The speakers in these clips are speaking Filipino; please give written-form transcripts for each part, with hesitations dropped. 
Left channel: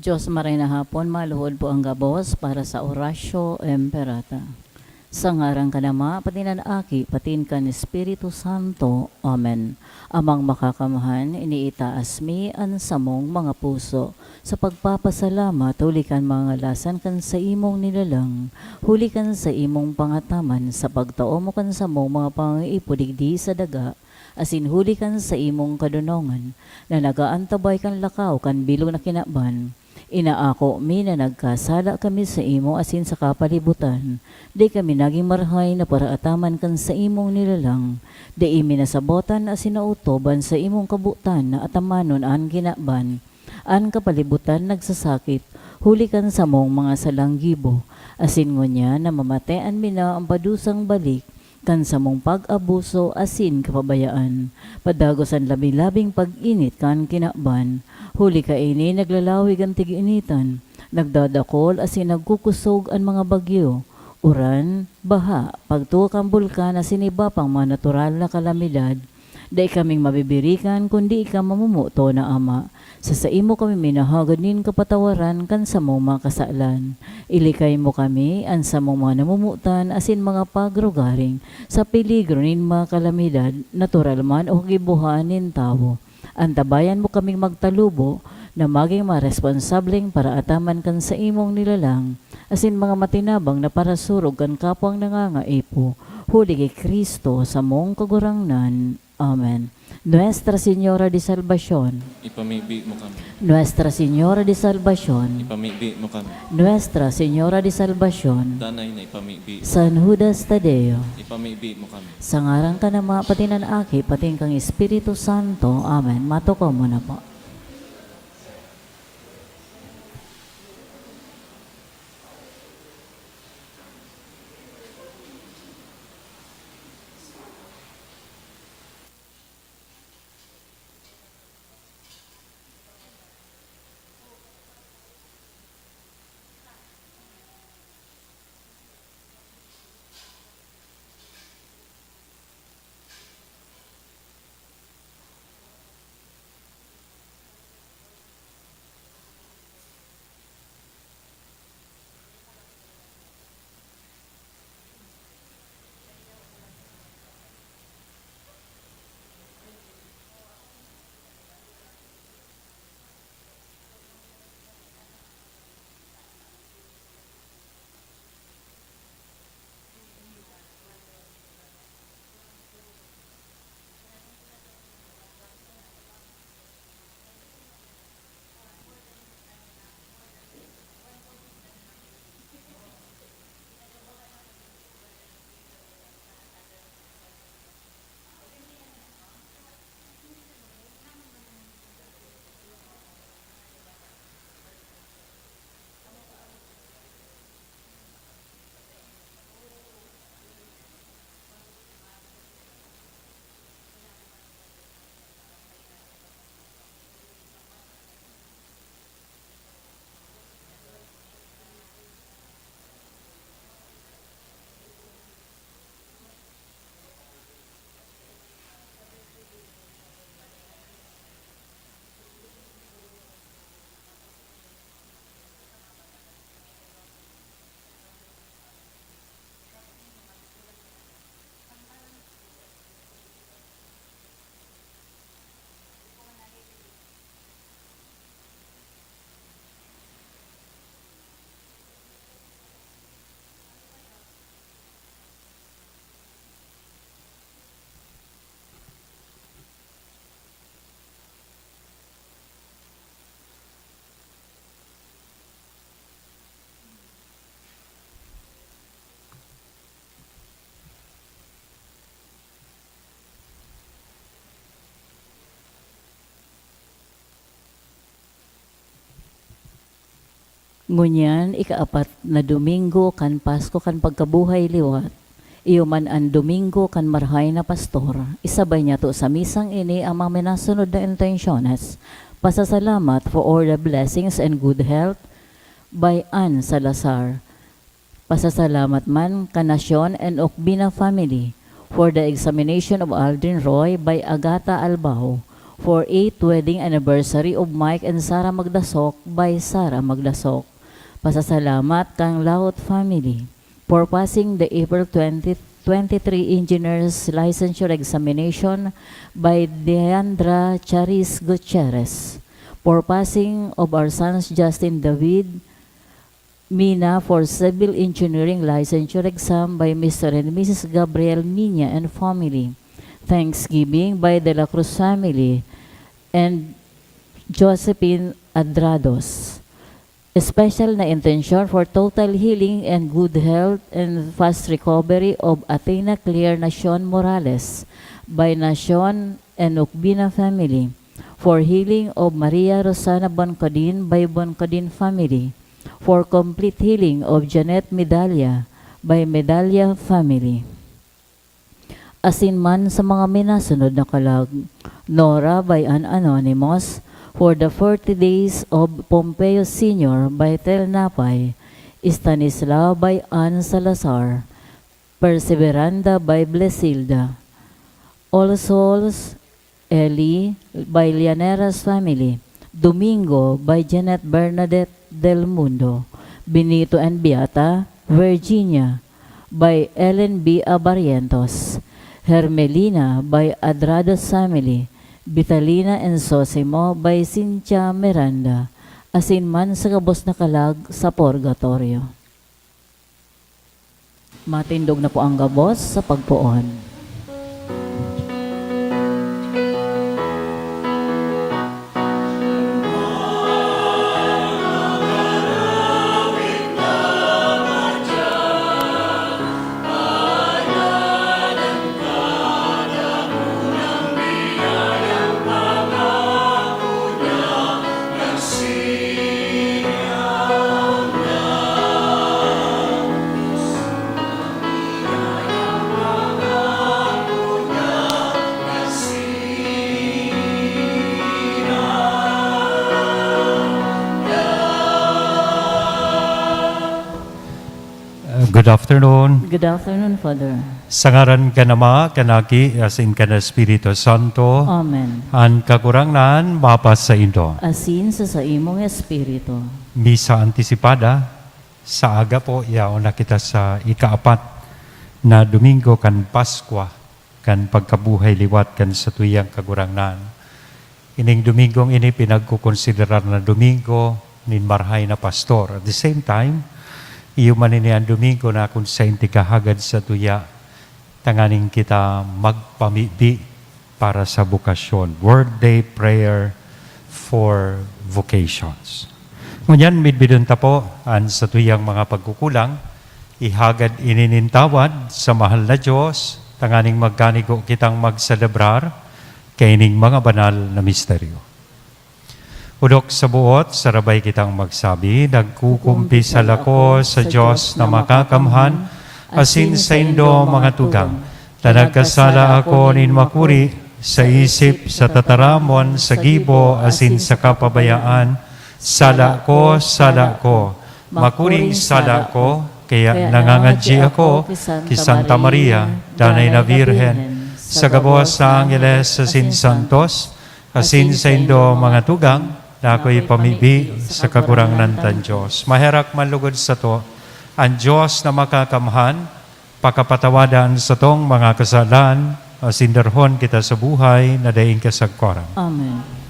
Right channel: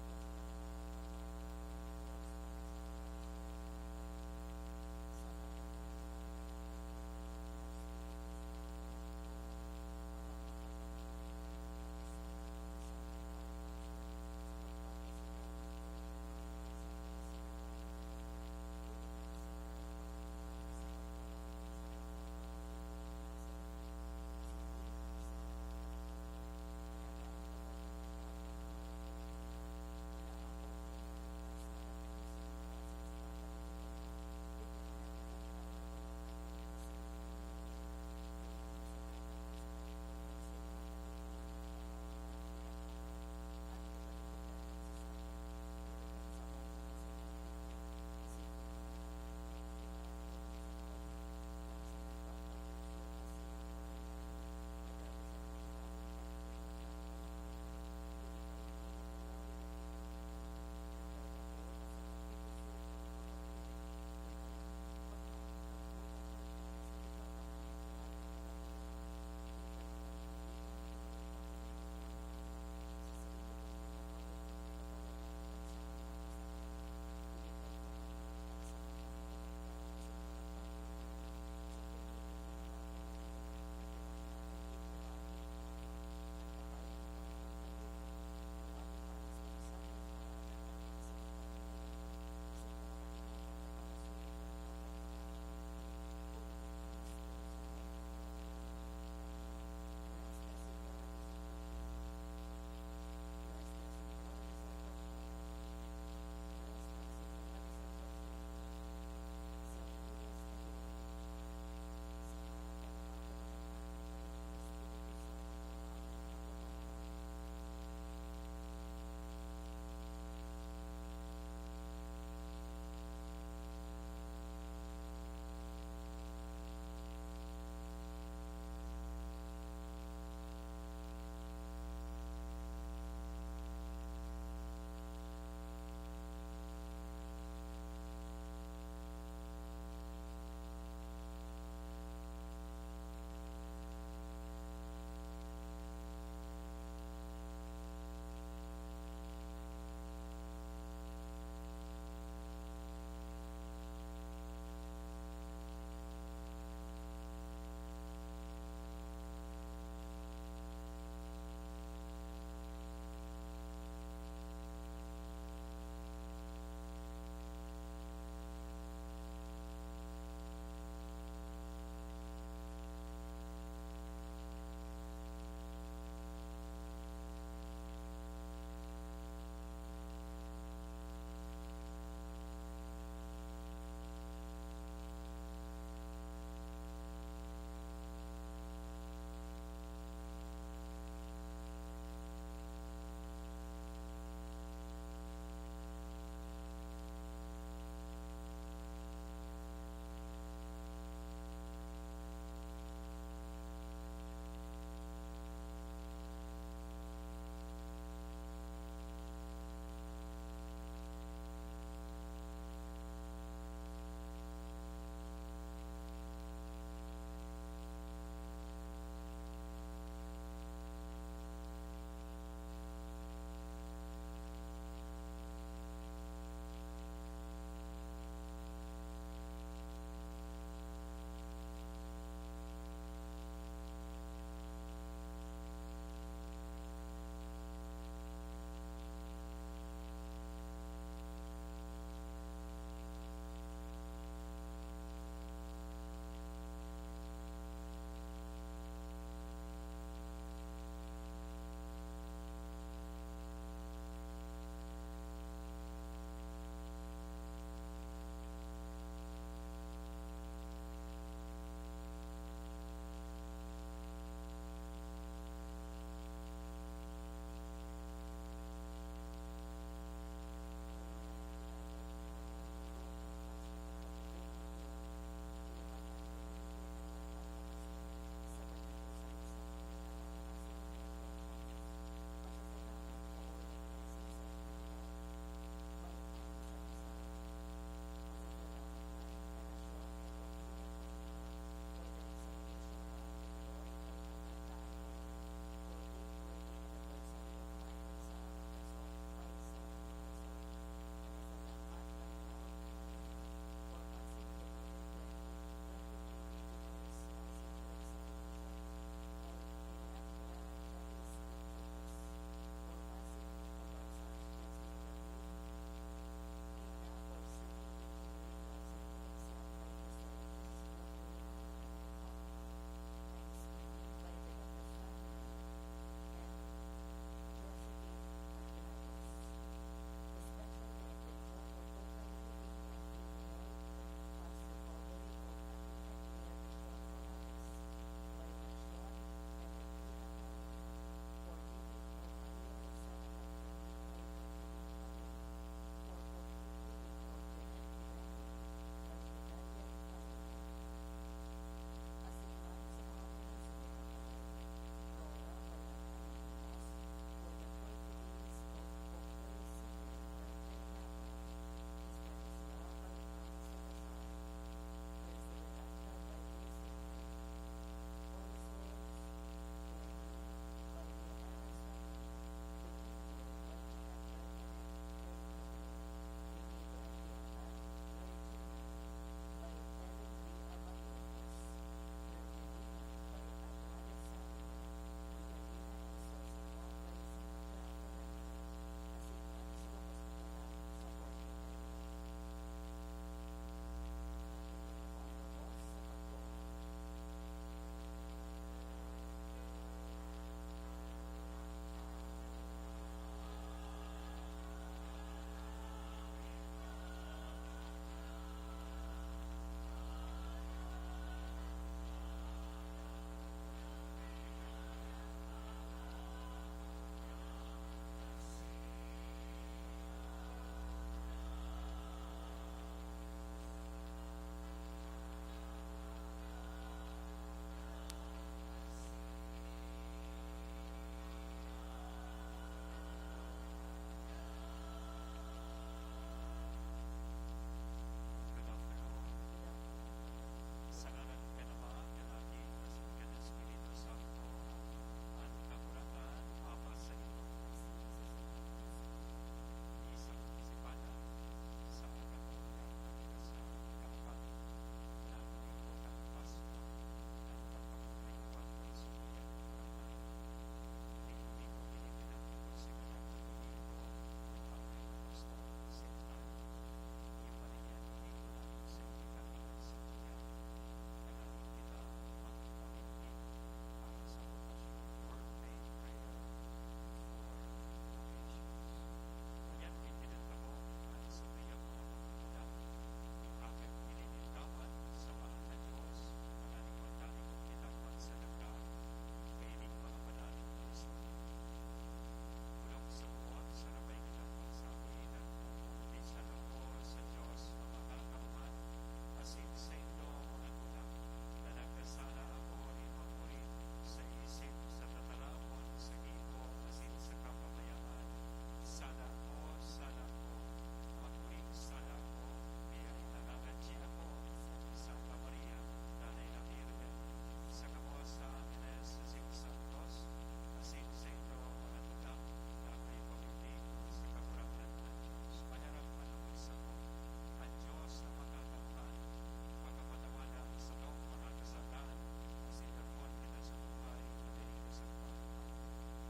Diyos maray na hapon, maluhod po ang gabos para sa orasyo emperata. Sa ngarang kanama, patinan aki, patin kan Espiritu Santo. Amen. Amang makakamahan, iniitaas mi an samong mga puso. Sa pagpapasalamat, hulikan mga lasan kan sa imong nilalang. Hulikan sa imong pangataman, sa pagtao mo kan sa mong mga pangiipudigdi sa daga. Asin hulikan sa imong kadunongan, na nagaantabay kan lakaw kan bilog na kinaban. Inaako mi na nagkasala kami sa imo asin sa kapalibutan. Di kami naging marhay na paraataman kan sa imong nilalang. Di imi nasabotan asin nautoban sa imong kabutan na atamanon an ginaban. An kapalibutan nagsasakit, hulikan sa mong mga salanggibo. Asin ngunya na mamatean mi na ang padusang balik, kan sa mong pag-abuso asin kapabayaan. Padagosan labi-labing pag-init kan kinaban. Huli ka ini naglalawig ang tig-initan, nagdadakol asin nagkukusog ang mga bagyo, uran, baha, pagtuok ang bulkan asin iba pang mga natural na kalamidad. Dai kaming mabibirikan kundi ika mamumuto na ama. Sa imo kami minahaganin kapatawaran kan sa mong mga kasalan. Ilikay mo kami an sa mong mga namumutan asin mga pagrugaring sa peligro nin mga kalamidad, natural man o gibuhanin tao. Antabayan mo kaming magtalubo na maging maresponsableng para ataman kan sa imong nilalang, asin mga matinabang na para surog kan kapwang nangangaipo, huli kay Kristo sa mong kagurangnan. Amen. Nuestra Señora de Salvación, Ipamibi mo kami. Nuestra Señora de Salvación, Ipamibi mo kami. Nuestra Señora de Salvación, Danay na ipamibi. San Judas Tadeo, Ipamibi mo kami. sa ngarang ka na mga patinan aki, pating kang Espiritu Santo. Amen. Matukaw mo na po. Ngunyan, ikaapat na Domingo kan Pasko kan pagkabuhay liwat. Iyo man ang Domingo kan marhay na pastor. Isabay niya to sa misang ini ang mga minasunod na intensyones. Pasasalamat for all the blessings and good health by Ann Salazar. Pasasalamat man kanasyon and Okbina family for the examination of Aldrin Roy by Agata Albao. for 8th wedding anniversary of Mike and Sarah Magdasok by Sarah Magdasok. Pasasalamat kang Laut family for passing the April 2023 Engineers Licensure Examination by Deandra Charis Gutierrez, for passing of our sons Justin David Mina for Civil Engineering Licensure Exam by Mr. and Mrs. Gabriel Minya and family. Thanksgiving by De La Cruz family and Josephine Adrados. Special na intention for total healing and good health and fast recovery of Athena Claire Nacion Morales by Nacion and Ukbina family. For healing of Maria Rosana Boncadin by Boncadin family. For complete healing of Janet Medalla by Medalla family. Asinman sa mga minasunod na kalag, Nora by an anonymous, for the 40 days of Pompeo Sr. by Tel Napay, Stanislao by Ann Salazar, Perseveranda by Blesilda, All Souls Eli by Llaneras family, Domingo by Janet Bernadette Del Mundo, Benito and Beata, Virginia by Ellen B. Abarientos, Hermelina by Adrados family, Vitalina and Sosimo by Cynthia Miranda, asinman sa kabos na kalag sa purgatorio. Matindog na po ang gabos sa pagpuon. Good afternoon. Good afternoon, Father. Sa ngaran ka nama, kanaki, asin ka na Espiritu Santo, Amen. ang kakurangnan, mapas sa indo. Asin sa imong espiritu. Misa antisipada, sa aga po, yaon na kita sa ikaapat na Domingo kan Paskwa, kan pagkabuhay liwat kan sa tuyang kakurangnan. Ining Domingong ini pinagkukonsiderar na Domingo nin marhay na pastor. At the same time, iyo maninian Domingo na kung sa inti kahagad sa tuya, tanganing kita magpamibi para sa bukasyon. Word Day Prayer for Vocations. Ngunyan, midbidon ta po, an sa tuyang mga pagkukulang, ihagad ininintawad sa mahal na Diyos, tanganing magkanigo kitang magselebrar, kaining mga banal na misteryo. Udok sa buot, sarabay kitang magsabi, nagkukumpisal ako sa Diyos na makakamhan, asin sa indo mga tugang, na nagkasala ako nin makuri, sa isip, sa tataramon, sa gibo, asin sa kapabayaan, sala ko, makuring sala ko, kaya nangangadji ako, ki Santa Maria, danay na Virhen, sa gabos sa Angeles, asin Santos, asin sa indo mga tugang, na ako'y pamibi sa kakurangnan tan Diyos. Maherak manlugod sa to, ang Diyos na makakamhan, pakapatawadan sa tong mga kasalan, sindarhon kita sa buhay, na daing kasagkoran. Amen.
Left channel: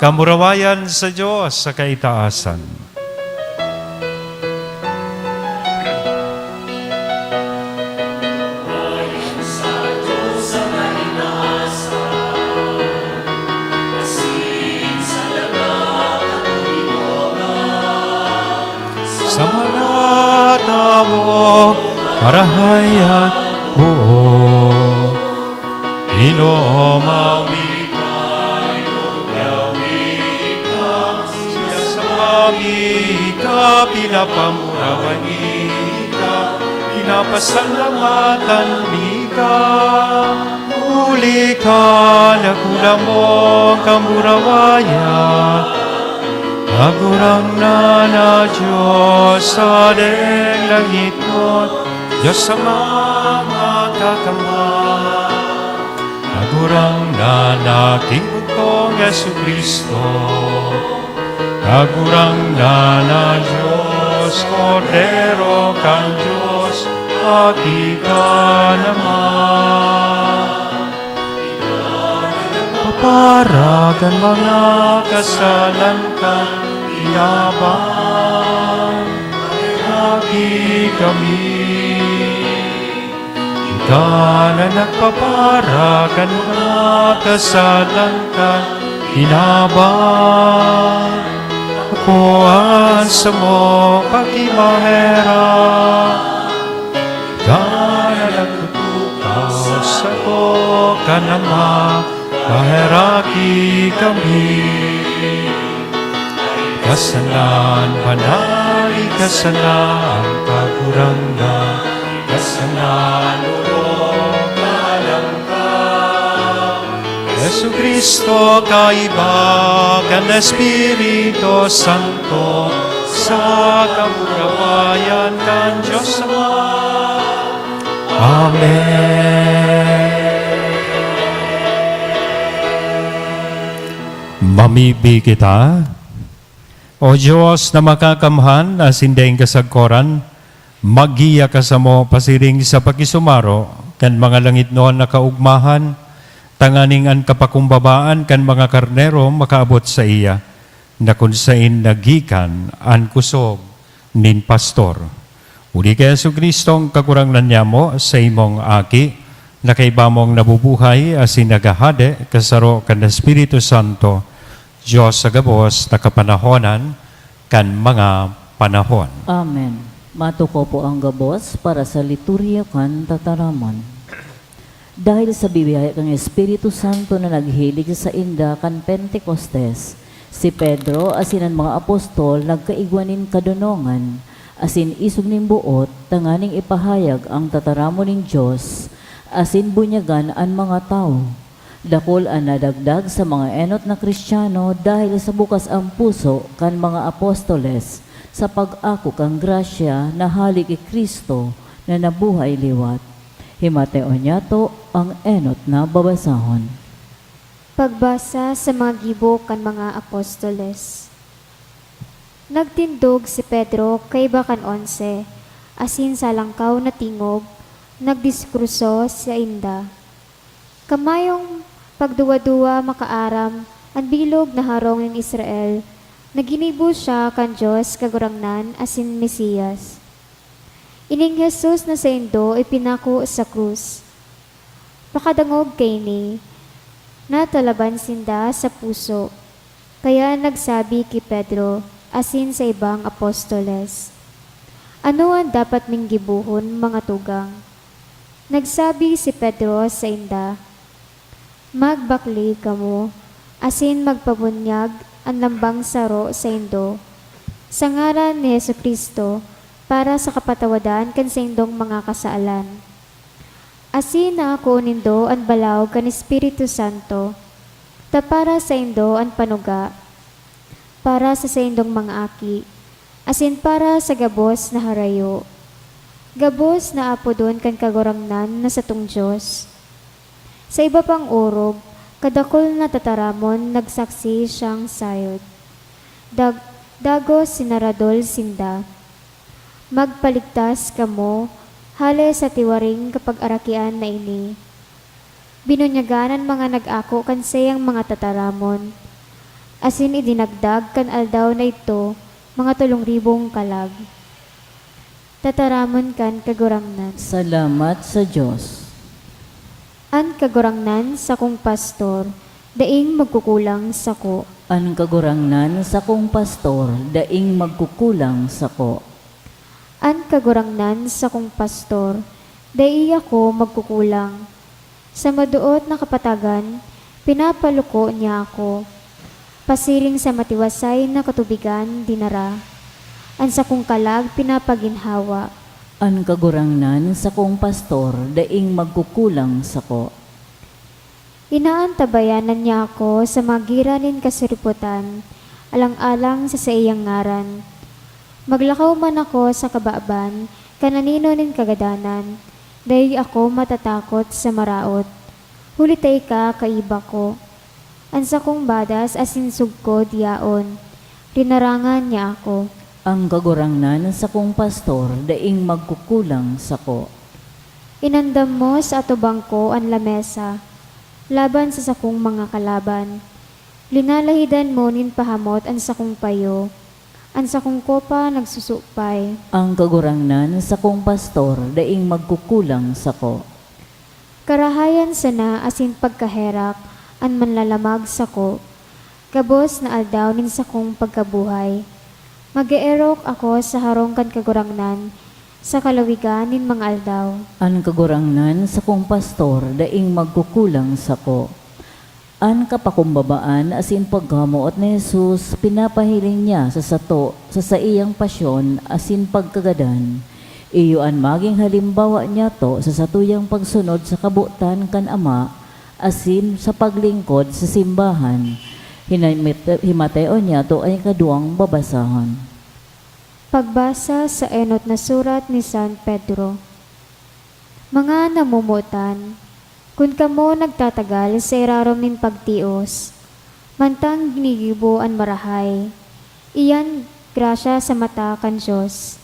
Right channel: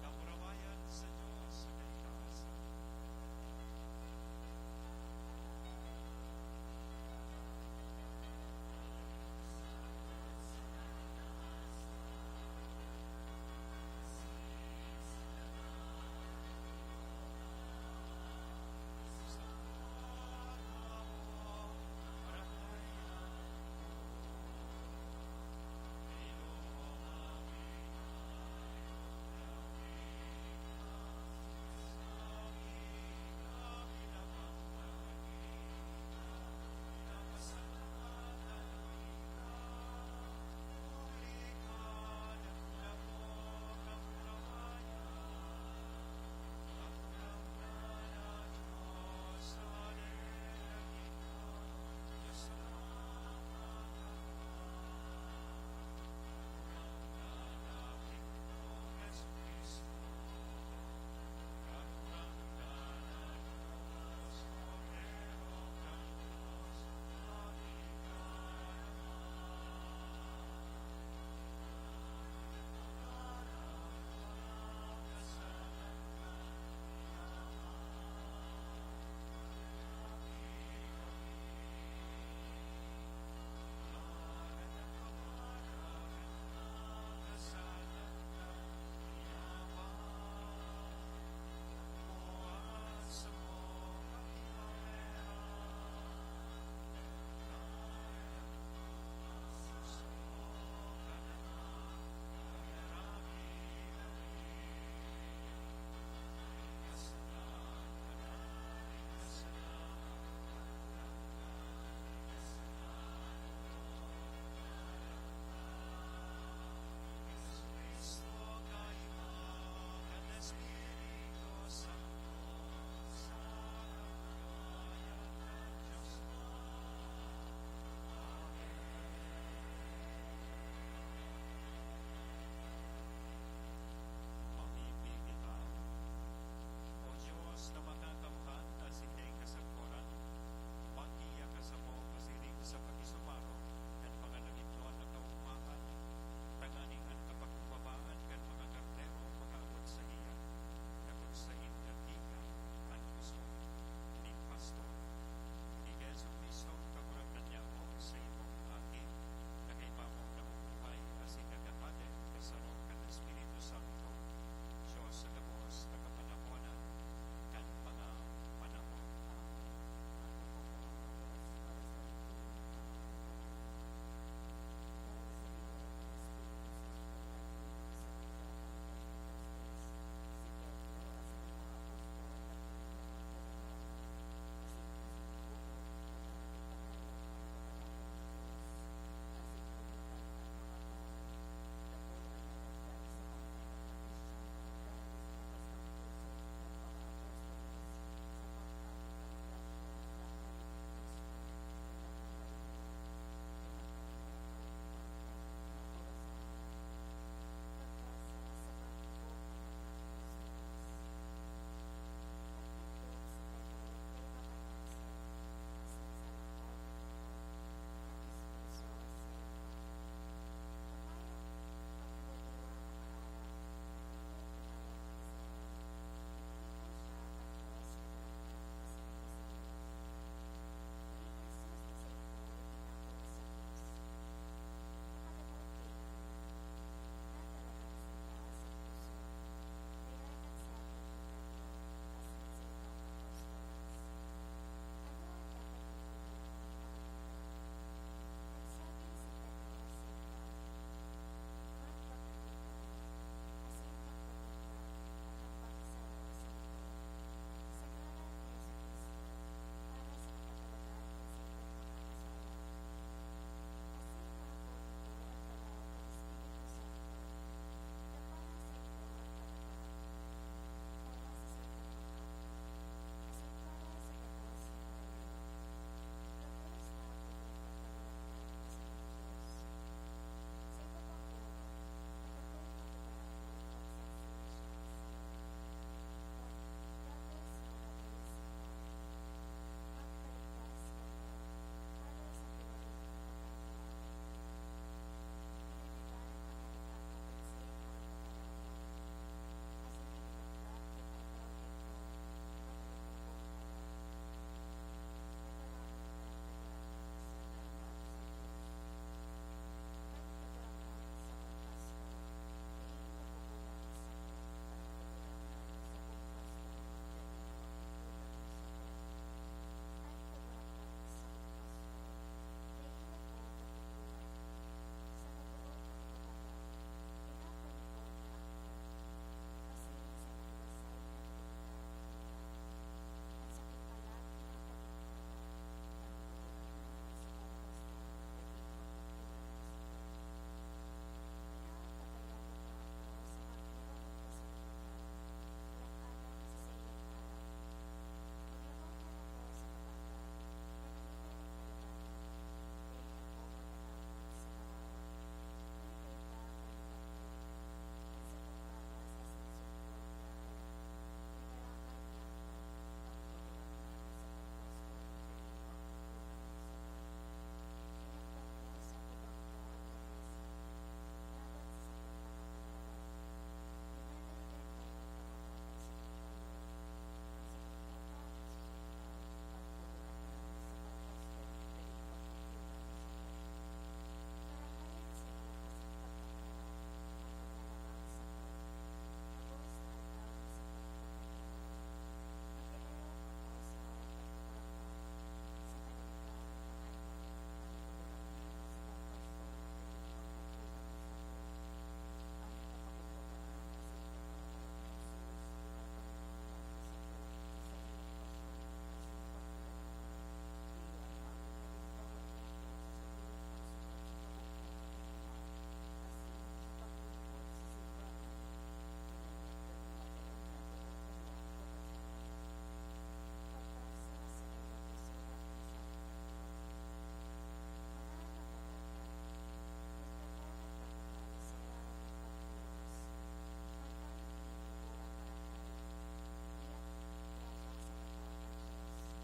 Kamurawayan sa Diyos sa kaitaasan. marahayat buo. Inomami kayo, yawika, siya sa mami ka, pinapamurawan ka, pinapasalamatan ka. Uli ka, nakula mo, kamurawaya, agurang na Diyos sa deng langit mo, Diyos sa mga kakama. Agurang na King kong Yesu Kristo, agurang na Diyos, Cordero kang Diyos, ati ka naman. Paparagan mga kasalan kang inabang, ati kami. Ika na nagpaparagan mga kasalan kang inabang, kuhaan sa mo pagkimahera. Ika na nagtutukaw sa ko ka naman, kaheraki kami. Kasalan, panay, kasalan, kakuranggan, kasalan, ulong, kalangkang. Yesu Kristo, kaiba ka na Espiritu Santo, sa kamurawayan kan Diyos Ama. Amen. Mamibi kita, O Diyos na makakamhan na sindeng kasagkoran, magiya ka sa mo pasiring sa pakisumaro, kan mga langit noon nakaugmahan, tanganing an kapakumbabaan kan mga karnero makaabot sa iya, na kunsain nagikan an kusog nin pastor. Uli kay Yesu Kristo ang kakurangnan niya mo sa imong aki, na kay bamong nabubuhay asin nagahade kasaro kan Espiritu Santo, Diyos sa gabos na kapanahonan kan mga panahon. Amen. Matuko po ang gabos para sa liturya kan tataraman. Dahil sa bibiyaya kang Espiritu Santo na naghilig sa inda kan Pentecostes, si Pedro asin ang mga apostol nagkaigwanin kadunongan, asin isog ning buot, tanganing ipahayag ang tataramon ning Diyos, asin bunyagan ang mga tao. Dakol ang nadagdag sa mga enot na Kristiyano dahil sa bukas ang puso kan mga apostoles sa pag-ako kang grasya na halik kay Kristo na nabuhay liwat. Himateo niya to ang enot na babasahon. Pagbasa sa mga gibo kan mga apostoles. Nagtindog si Pedro kay bakan 11, asin sa langkaw na tingog, nagdiskruso sa inda. Kamayong pagduwa-duwa makaaram, ang bilog na harong ng Israel, naginibo siya kan Diyos kagurangnan asin Mesiyas. Ining Jesus na sa indo ipinako sa krus. Pakadangog kay ni, natalaban sinda sa puso, kaya nagsabi kay Pedro asin sa ibang apostoles, ano ang dapat ning gibuhon mga tugang? Nagsabi si Pedro sa inda, magbakli kamo, asin magpabunyag ang lambang saro sa indo, sa ngaran ni Yesu Kristo, para sa kapatawadan kan sa indong mga kasaalan. Asin na ako nindo ang balaw kan Espiritu Santo, ta para sa indo ang panuga, para sa indong mga aki, asin para sa gabos na harayo. Gabos na apo doon kan kagurangnan na sa tung Diyos. Sa iba pang orog, kadakol na tataramon nagsaksi siyang sayod. Dagos sinaradol sinda. Magpaligtas kamo, hale sa tiwaring kapag arakian na ini. Binunyaganan mga nag-ako kan sayang mga tataramon. Asin idinagdag kan aldaw na ito, mga 3,000 kalag. Tataramon kan kagurangnan. Salamat sa Diyos. An kagurangnan sa kong pastor, daing magkukulang sa ko. Ang kagurangnan sa kong pastor, daing magkukulang sa ko. An kagurangnan sa kong pastor, dai ako magkukulang. Sa maduot na kapatagan, pinapaluko niya ako. Pasiring sa matiwasay na katubigan, dinara. An sa kong kalag, pinapaginhawa. An kagurangnan sa kong pastor, daing magkukulang sako. Inaantabayanan niya ako sa magiranin kasiriputan, alang-alang sa iyang ngaran. Maglakaw man ako sa kabaaban, kananino nin kagadanan, dahi ako matatakot sa maraot. Hulitay ka, kaiba ko. Ansa kong badas asinsug ko diyaon, rinarangan niya ako. Ang kagurangnan sa kong pastor, daing magkukulang sako. Inandam mo sa atubang ko ang lamesa, laban sa sakong mga kalaban. Linalahidan mo nin pahamot ang sakong payo, ang sakong kopa nagsusupay. Ang kagurangnan sa kong pastor, daing magkukulang sako. Karahayan sana asin pagkaherak, an manlalamag sako. Kabos na aldaw nin sakong pagkabuhay. Mag-eerok ako sa harong kan kagurangnan, sa kalawigan nin mga aldaw. An kagurangnan sa kong pastor, daing magkukulang sako. An kapakumbabaan asin paghamuot ni Jesus, pinapahiling niya sa iyang pasyon asin pagkagadan. Iyoan maging halimbawa niya to sa satuyang pagsunod sa kabutan kan Ama, asin sa paglingkod sa simbahan. Himateo niya to ay kaduang babasahan. Pagbasa sa enot na surat ni San Pedro. Mga namumutan, kung kamo nagtatagal sa irarom nin pagtios, mantang ginigibo an marahay, iyan grasya sa mata kan Diyos.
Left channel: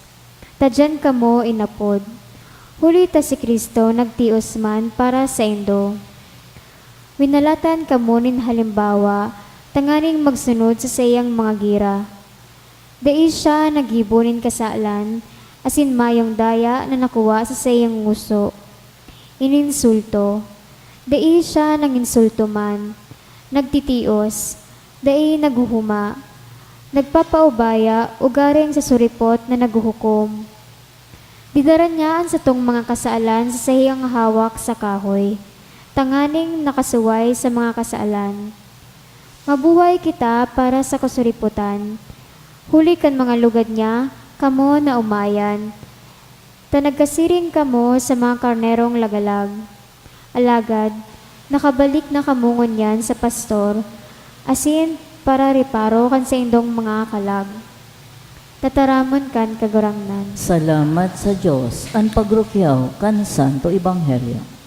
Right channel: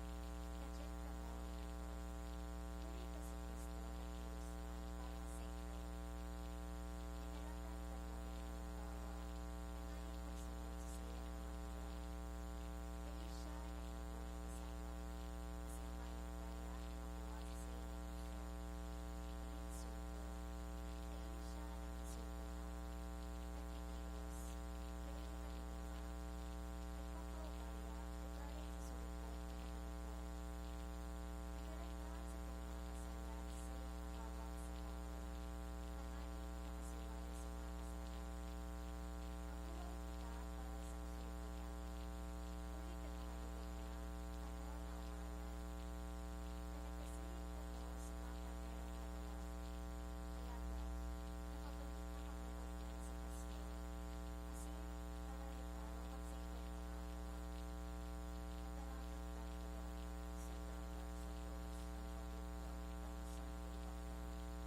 Tadyan kamo inapod, huli ta si Kristo nagtios man para sa indo. Winalatan kamo nin halimbawa, tanganing magsunod sa sayang mga gira. Dai siya nagibunin kasalan, asin mayong daya na nakuha sa sayang nguso. Ininsulto, dai siya nanginsulto man. Nagtitios, dai naguhuma. Nagpapaubaya, ugaring sa suripot na naguhukom. Didaran niyaan sa tong mga kasaalan sa sayang hawak sa kahoy, tanganing nakasuway sa mga kasaalan. Mabuhay kita para sa kasuriputan. Huli kan mga lugad niya, kamo na umayan. Tanagkasiring kamo sa mga karnerong lagalag. Alagad, nakabalik na kamungon yan sa pastor, asin para riparo kan sa indong mga kalag. Tataramon kan kagurangnan. Salamat sa Diyos, ang pagrukyaw kan Santo Ebanghelyo.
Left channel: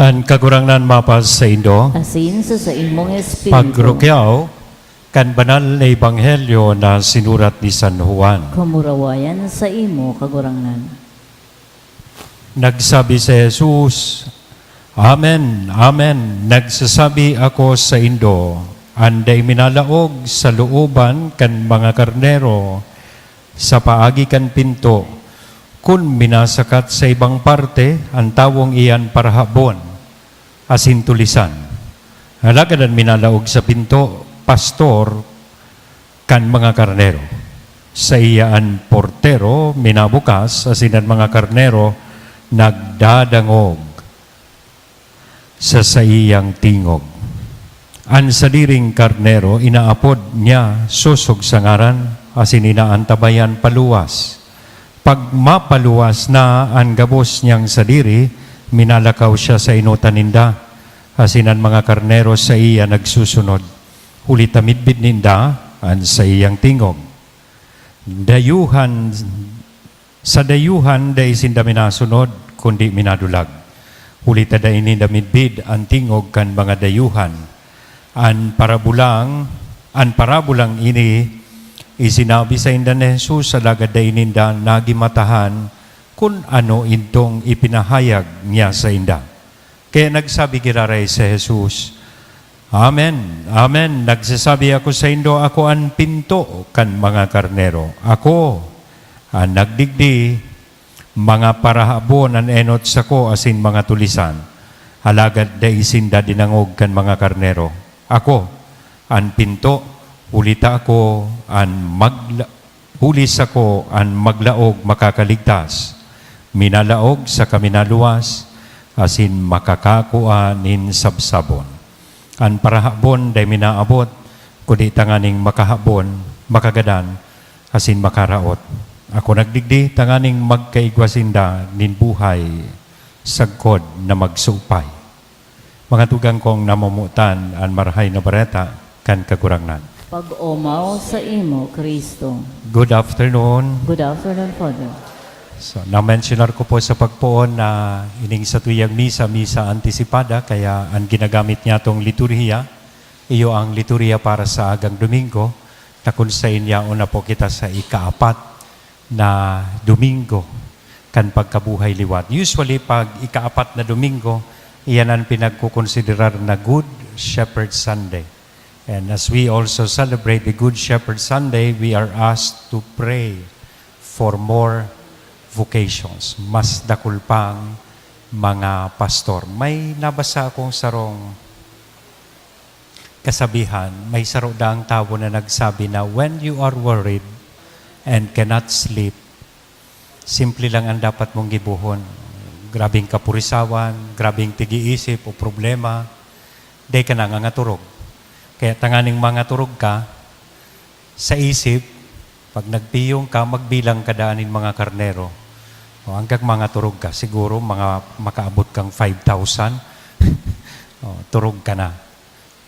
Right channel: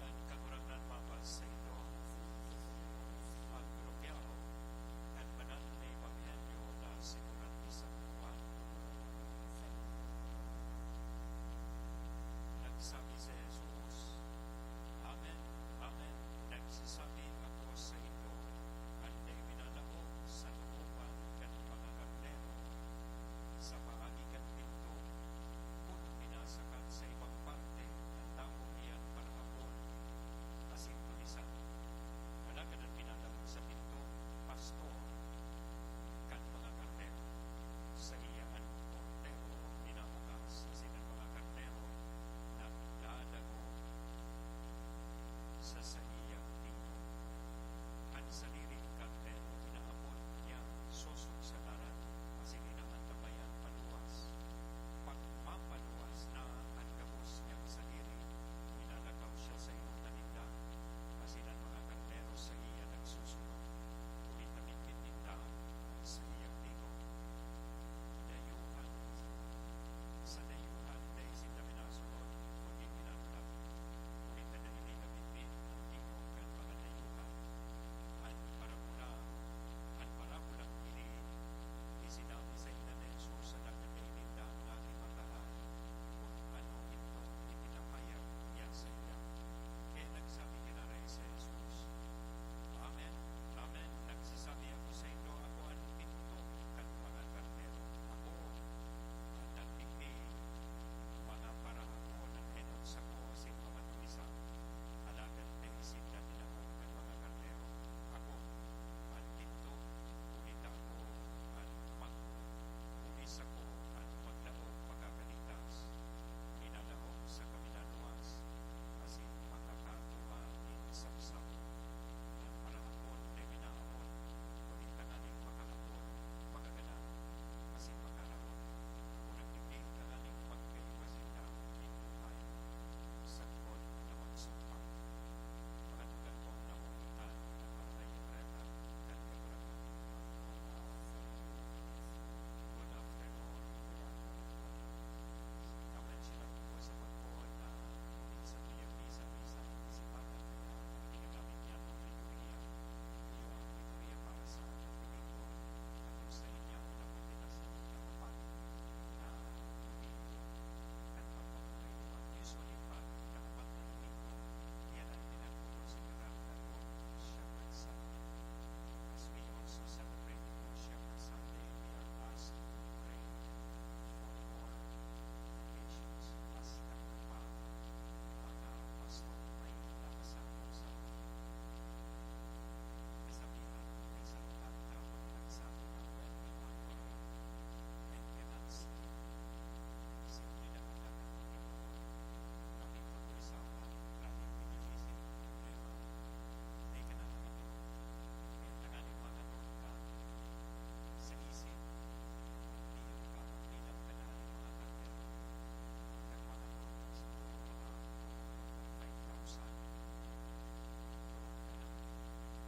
Ang kagurangnan mapas sa Indo, Asin sa imong espiritu, pagrukyaw, kan banal na ebanghelyo na sinurat ni San Juan. kamurawayan sa imo kagurangnan. Nagsabi si Jesus, Amen, Amen, nagsasabi ako sa Indo, anday minalaog sa looban kan mga karnero, sa paagi kan pinto, kun minasakat sa ibang parte, ang tawong iyan parahabon, asin tulisan. Halagadan minalaog sa pinto, pastor, kan mga karnero. Sa iyaan portero, minabukas, asin ang mga karnero, nagdadangog sa iyang tingog. Ang sadiring karnero, inaapod niya susog sa ngaran, asin inaantabayan paluwas. Pag mapaluwas na ang gabos niyang sadiri, minalakaw siya sa inutan ninda, asin ang mga karnero sa iya nagsusunod. Huli tamidbid ninda, an sa iyang tingog. Sa dayuhan, day sinda minasunod, kundi minadulag. Huli tada ini damidbid, ang tingog kan mga dayuhan. An parabulang ini, Isinabi sa inda ni Jesus sa lagad da ininda nagimatahan kung ano intong ipinahayag niya sa inda. Kaya nagsabi giraray sa Jesus, Amen, Amen, nagsasabi ako sa indo, ako ang pinto kan mga karnero. Ako ang nagdigdi, mga parahabon ang enot sa ko asin mga tulisan. Halagad da isinda dinangog kan mga karnero. Ako ang pinto, ulita ako hulis ako ang maglaog makakaligtas. Minalaog sa kaminaluwas, asin makakakua nin sabsabon. Ang parahabon day minaabot, kundi tanganing makahabon, makagadan, asin makaraot. Ako nagdigdi, tanganing magkaigwasinda nin buhay, sagkod na magsupay. Mga tugang kong namumutan, ang marahay na bareta, kan kagurangnan. Pag-umaw sa imo, Kristo. Good afternoon. Good afternoon, Father. So, na-mentionar ko po sa pagpoon na ining sa tuyang misa antisipada, kaya ang ginagamit niya itong liturhiya, iyo ang liturhiya para sa agang Domingo, na kung sa inya una po kita sa ikaapat na Domingo, kan pagkabuhay liwat. Usually, pag ikaapat na Domingo, iyan ang pinagkukonsiderar na Good Shepherd Sunday. And as we also celebrate the Good Shepherd Sunday, we are asked to pray for more vocations, mas dakul pang mga pastor. May nabasa akong sarong kasabihan, may saro daang tao na nagsabi na when you are worried and cannot sleep, simple lang ang dapat mong gibuhon. Grabing kapurisawan, grabing tigiisip o problema, day ka na nga turog. Kaya tanganing mga turog ka sa isip, pag nagpiyong ka, magbilang kadaanin mga karnero. O, hanggang mga turog ka, siguro mga makaabot kang 5,000, turog ka na.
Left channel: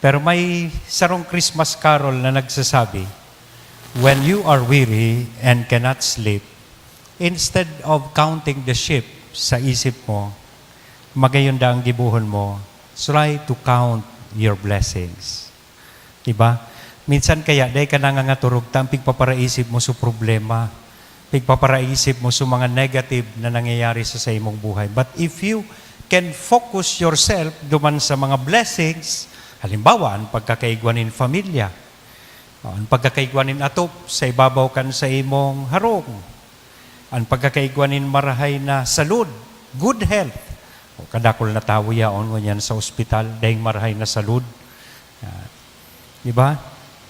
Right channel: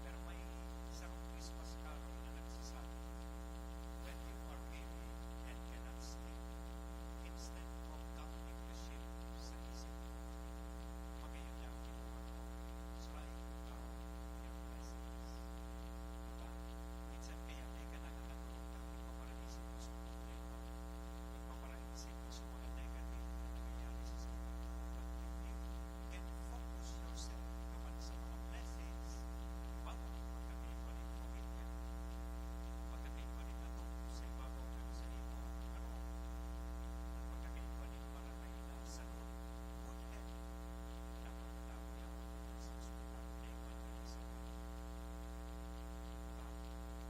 Pero may sarong Christmas carol na nagsasabi, when you are weary and cannot sleep, instead of counting the sheep sa isip mo, magayon da ang gibuhon mo, try to count your blessings. Diba? Minsan kaya, dahil ka nangangaturog, tampig paparaisip mo sa problema, pigpaparaisip mo sa mga negative na nangyayari sa imong buhay. But if you can focus yourself duman sa mga blessings, halimbawa, ang pagkakaigwanin familia, ang pagkakaigwanin atop sa ibabaw kan sa imong harong, ang pagkakaigwanin marahay na salud, good health, o kadakol na tao yaon mo yan sa ospital, dahil marahay na salud. Diba?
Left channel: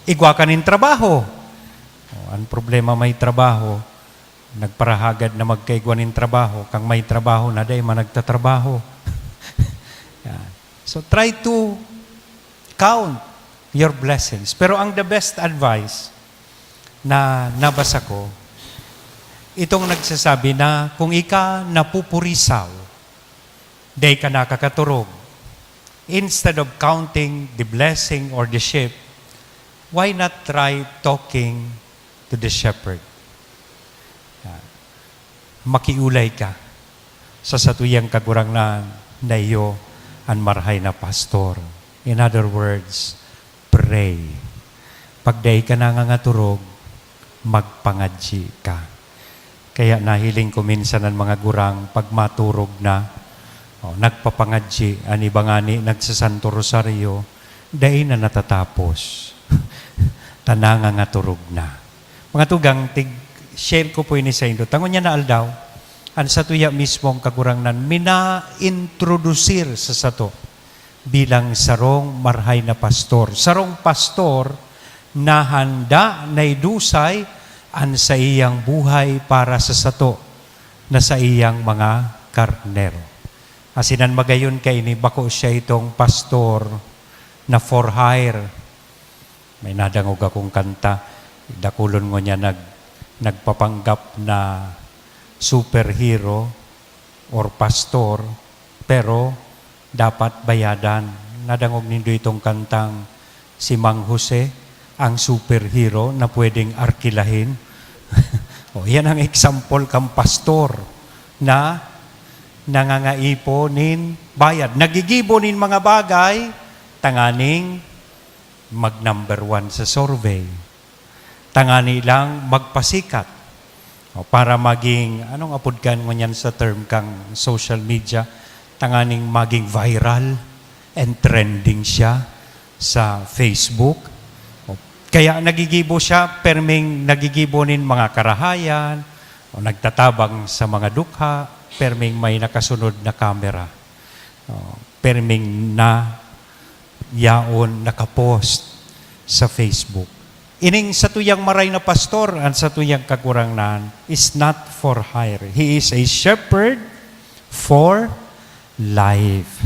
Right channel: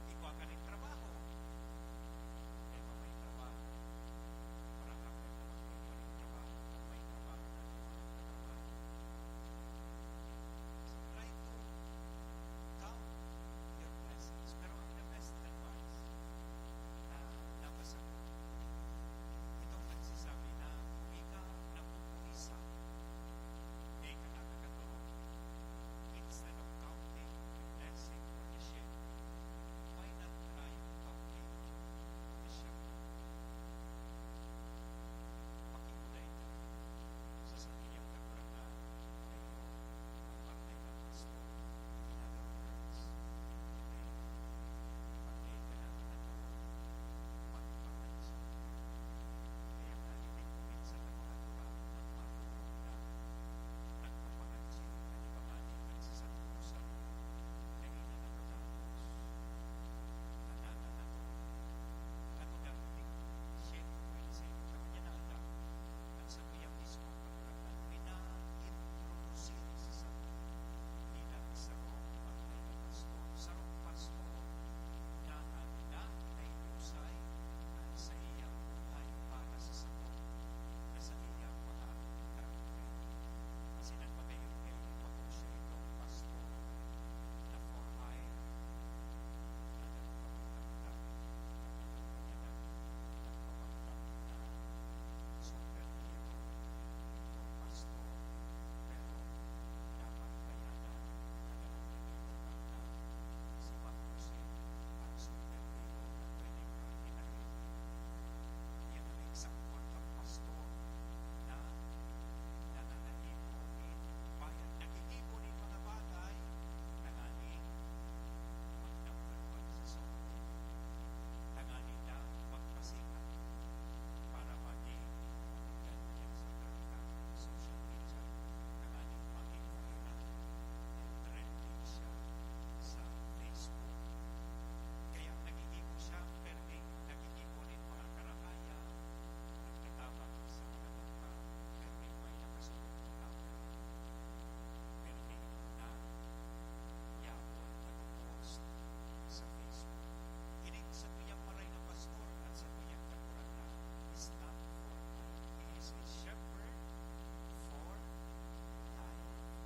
Igwa ka nin trabaho. O, ang problema may trabaho, nagparahagad na magkaigwanin trabaho, kang may trabaho na dahil managtatrabaho. So try to count your blessings. Pero ang the best advice na nabasa ko, itong nagsasabi na kung ika napupurisaw, day ka nakakaturog, instead of counting the blessing or the sheep, why not try talking to the shepherd? Makiulay ka sa satuyang kagurangnan na iyo ang marahay na pastor. In other words, pray. Pagday ka nangangaturog, magpangadji ka. Kaya nahiling ko minsan ang mga gurang pag maturog na, nagpapangadji, ani bangani, nagsasanto rosaryo, dahil na natatapos. Tananga nga turog na. Mga tugang, share ko po ini sa indo. Tangon niya na aldaw, ang satuya mismong kagurangnan, mina-introducir sa sato bilang sarong marhay na pastor. Sarong pastor na handa na idusay ang sa iyang buhay para sa sato na sa iyang mga karnero. Asinan magayon kay ni bako siya itong pastor na for hire. May nadangog akong kanta, dakulon mo niya nagpapanggap na superhero or pastor, pero dapat bayadan. Nadangog nindo itong kantang si Mang Jose, ang superhero na pwedeng arkilahin. O, yan ang example kang pastor na nangangaipo nin bayad. Nagigibo nin mga bagay, tanganing mag-number 1 sa survey. tangani lang magpasikat. Para maging, anong apod kan ngunyan sa term kang social media, tanganing maging viral and trending siya sa Facebook. Kaya nagigibo siya, perming nagigibo nin mga karahayan, o nagtatabang sa mga dukha, perming may nakasunod na kamera. Perming na yaon nakapost sa Facebook. Ining sa tuyang maray na pastor at sa tuyang kakurangnan is not for hire. He is a shepherd for life.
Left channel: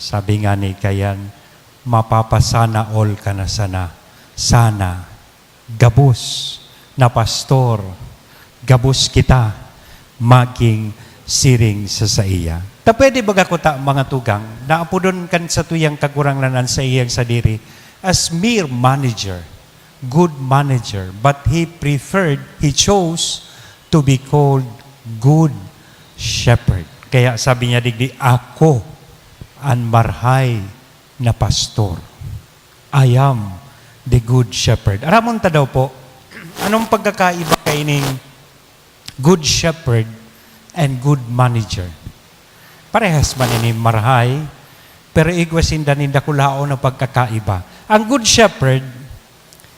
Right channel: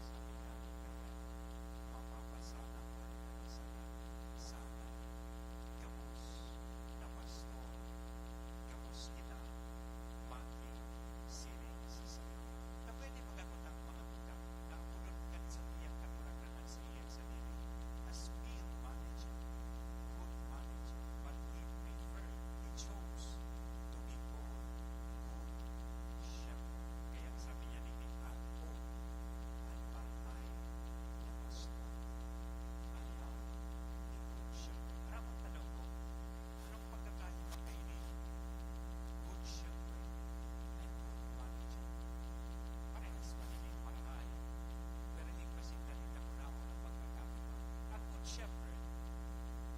Sabi nga ni Kayan, mapapasana all ka na sana. Sana, gabus na pastor, gabus kita, maging siring sa iya. Ta pwede baga ko ta mga tugang, naapudon kan sa tuyang kakurangnan sa iyang sadiri as mere manager, good manager, but he chose to be called good shepherd. Kaya sabi niya digdi, ako ang marhay na pastor. I am the good shepherd. Aramon ta daw po, anong pagkakaiba kaining good shepherd and good manager? Parehas man ini marhay, pero igwasinda ninda kulao na pagkakaiba. Ang good shepherd,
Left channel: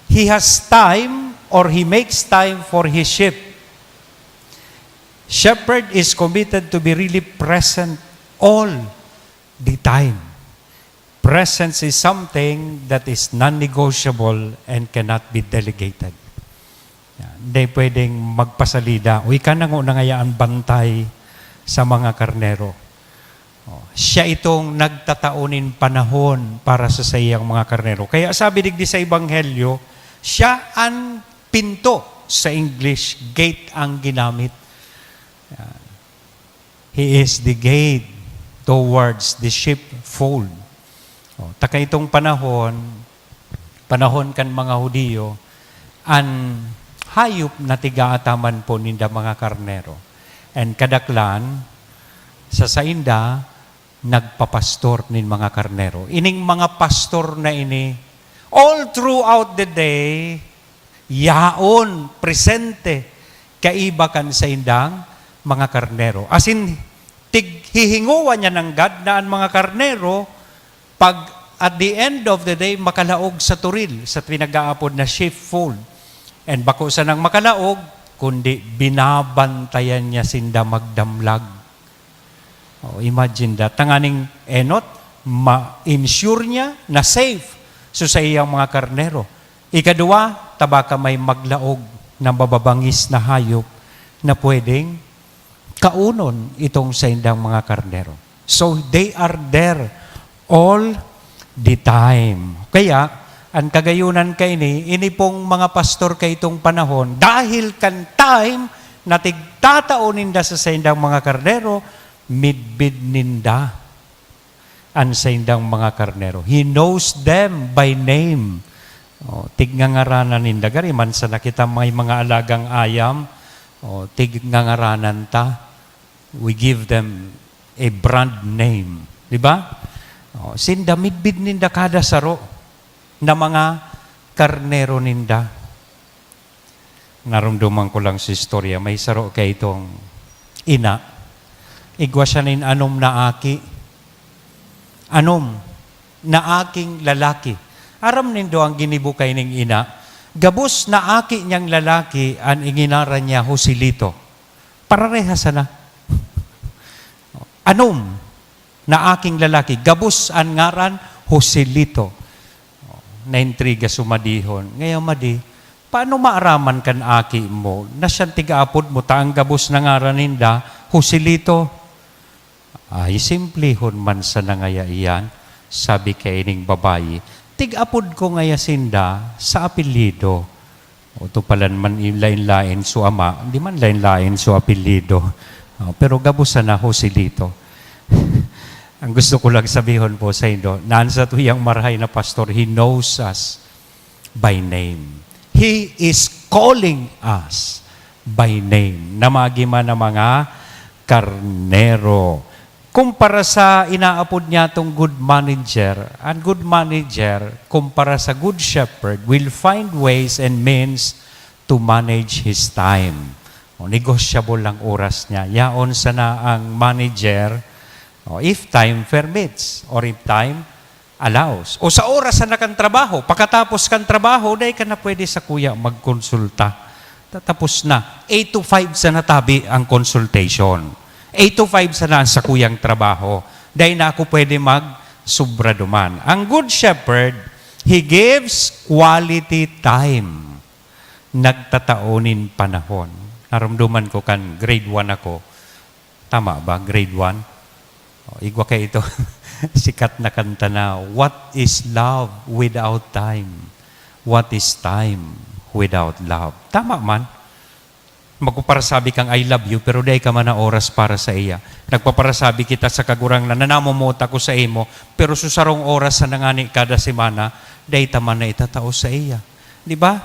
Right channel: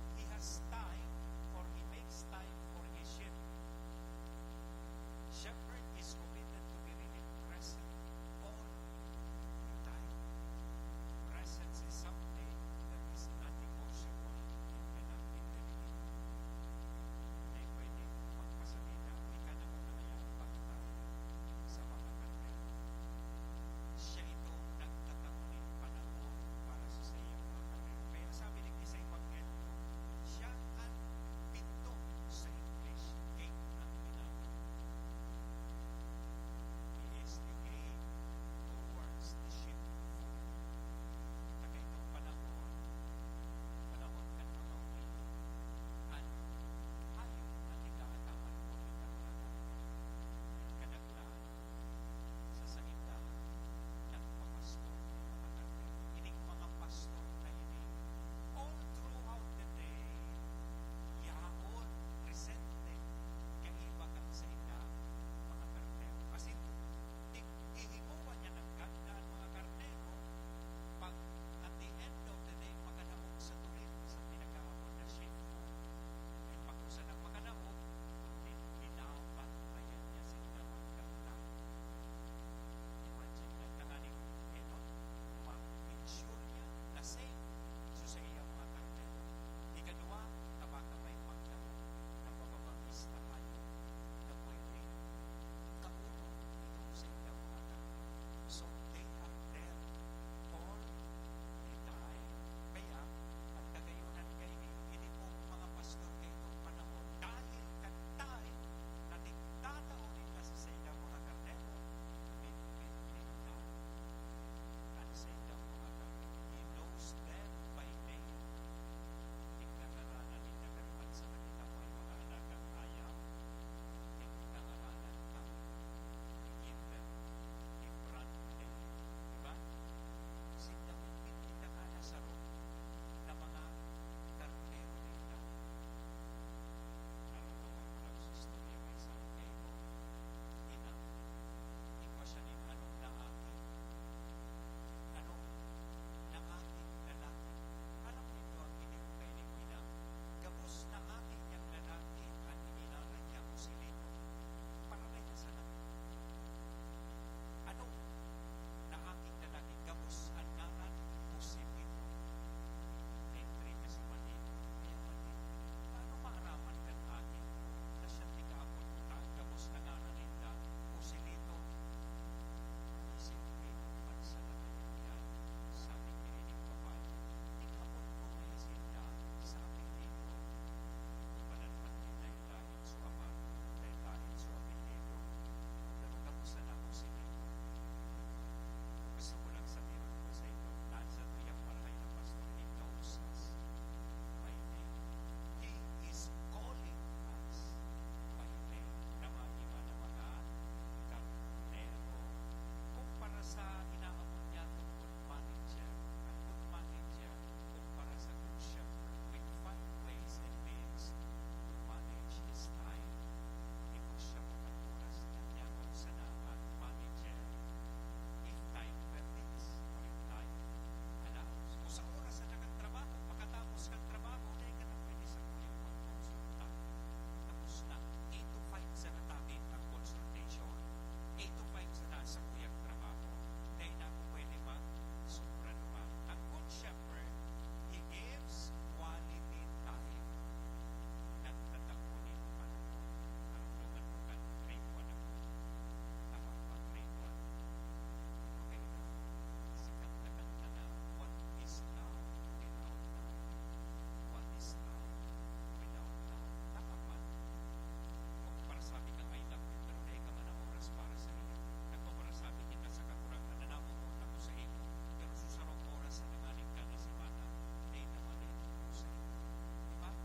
he has time or he makes time for his sheep. Shepherd is committed to be really present all the time. Presence is something that is non-negotiable and cannot be delegated. Hindi pwedeng magpasalida. Uy ka na ngayaan bantay sa mga karnero. Siya itong nagtataunin panahon para sa sayang mga karnero. Kaya sabi digdi sa Ebanghelyo, siya ang pinto. Sa English, gate ang ginamit. He is the gate towards the sheepfold. Taka itong panahon kan mga Hudiyo, an hayop na tigaataman po ninda mga karnero. And kadaklan, sa sainda, nagpapastor nin mga karnero. Ining mga pastor na ini, all throughout the day, yaon, presente, kaibakan sa indang mga karnero. As in, hihinguan niya ng God na ang mga karnero, pag at the end of the day, makalaog sa turil, sa pinag-aapod na sheepfold. And bako sa nang makalaog, kundi binabantayan niya sinda magdamlag. Imagine that. Tanganing enot, ma-insure niya na safe so sa iyang mga karnero. Ikadua, tabaka may maglaog na mababangis na hayop na pwedeng kaunon itong sa indang mga karnero. So they are there all the time. Kaya, ang kagayunan kay ini pong mga pastor kay itong panahon, dahil kan time na tigtatao ninda sa indang mga karnero, midbid ninda ang sa indang mga karnero. He knows them by name. Tignangaranan ninda. Gari man sa nakita may mga alagang ayam, tignangaranan ta. We give them a brand name. Di ba? Sinda midbid ninda kada saro na mga karnero ninda. Narumduman ko lang sa istorya. May saro kay itong ina. Igwa siya nin anom na aki. Anom na aking lalaki. Aram nindo ang ginibukay ning ina. Gabos na aki niyang lalaki ang inginaran niya Joselito. Pararehasa na. Anom na aking lalaki. Gabos ang ngaran Joselito. Naintriga sumadihon. Ngayon madi, paano maaraman kan aki mo na siyang tigaapod mo taang gabos na ngaran ninda Joselito? Ay, simplihon man sa nangaya iyan, sabi kay ining babayi, tig-apod ko ngaya sinda sa apelido. O to palan man lain-lain so ama, hindi man lain-lain so apelido. Pero gabusan na Joselito. Ang gusto ko lang sabihon po sa inyo, naan sa tuyang marhay na pastor, he knows us by name. He is calling us by name. Namagi man na mga karnero. Kumpara sa inaapod niya tong good manager, ang good manager, kumpara sa good shepherd, will find ways and means to manage his time. O, negotiable lang oras niya. Yaon sana ang manager, if time permits, or if time allows. O sa oras na kang trabaho, pagkatapos kang trabaho, dahil ka na pwede sa kuya magkonsulta. Tatapos na. 8 to 5 sa natabi ang consultation. 8 to 5 sana sa kuyang trabaho. Dahil na ako pwede mag-subra duman. Ang good shepherd, he gives quality time. Nagtataonin panahon. Naramdaman ko kan grade 1 ako. Tama ba? Grade 1? Igwa kayo ito. Sikat na kanta na, what is love without time? What is time without love? Tama man. Magpaparasabi kang I love you, pero dahil ka man na oras para sa iya. Nagpaparasabi kita sa kagurang na nanamumota ko sa imo, pero susarong oras sa nangani kada semana, dahil taman na itatao sa iya. Di ba?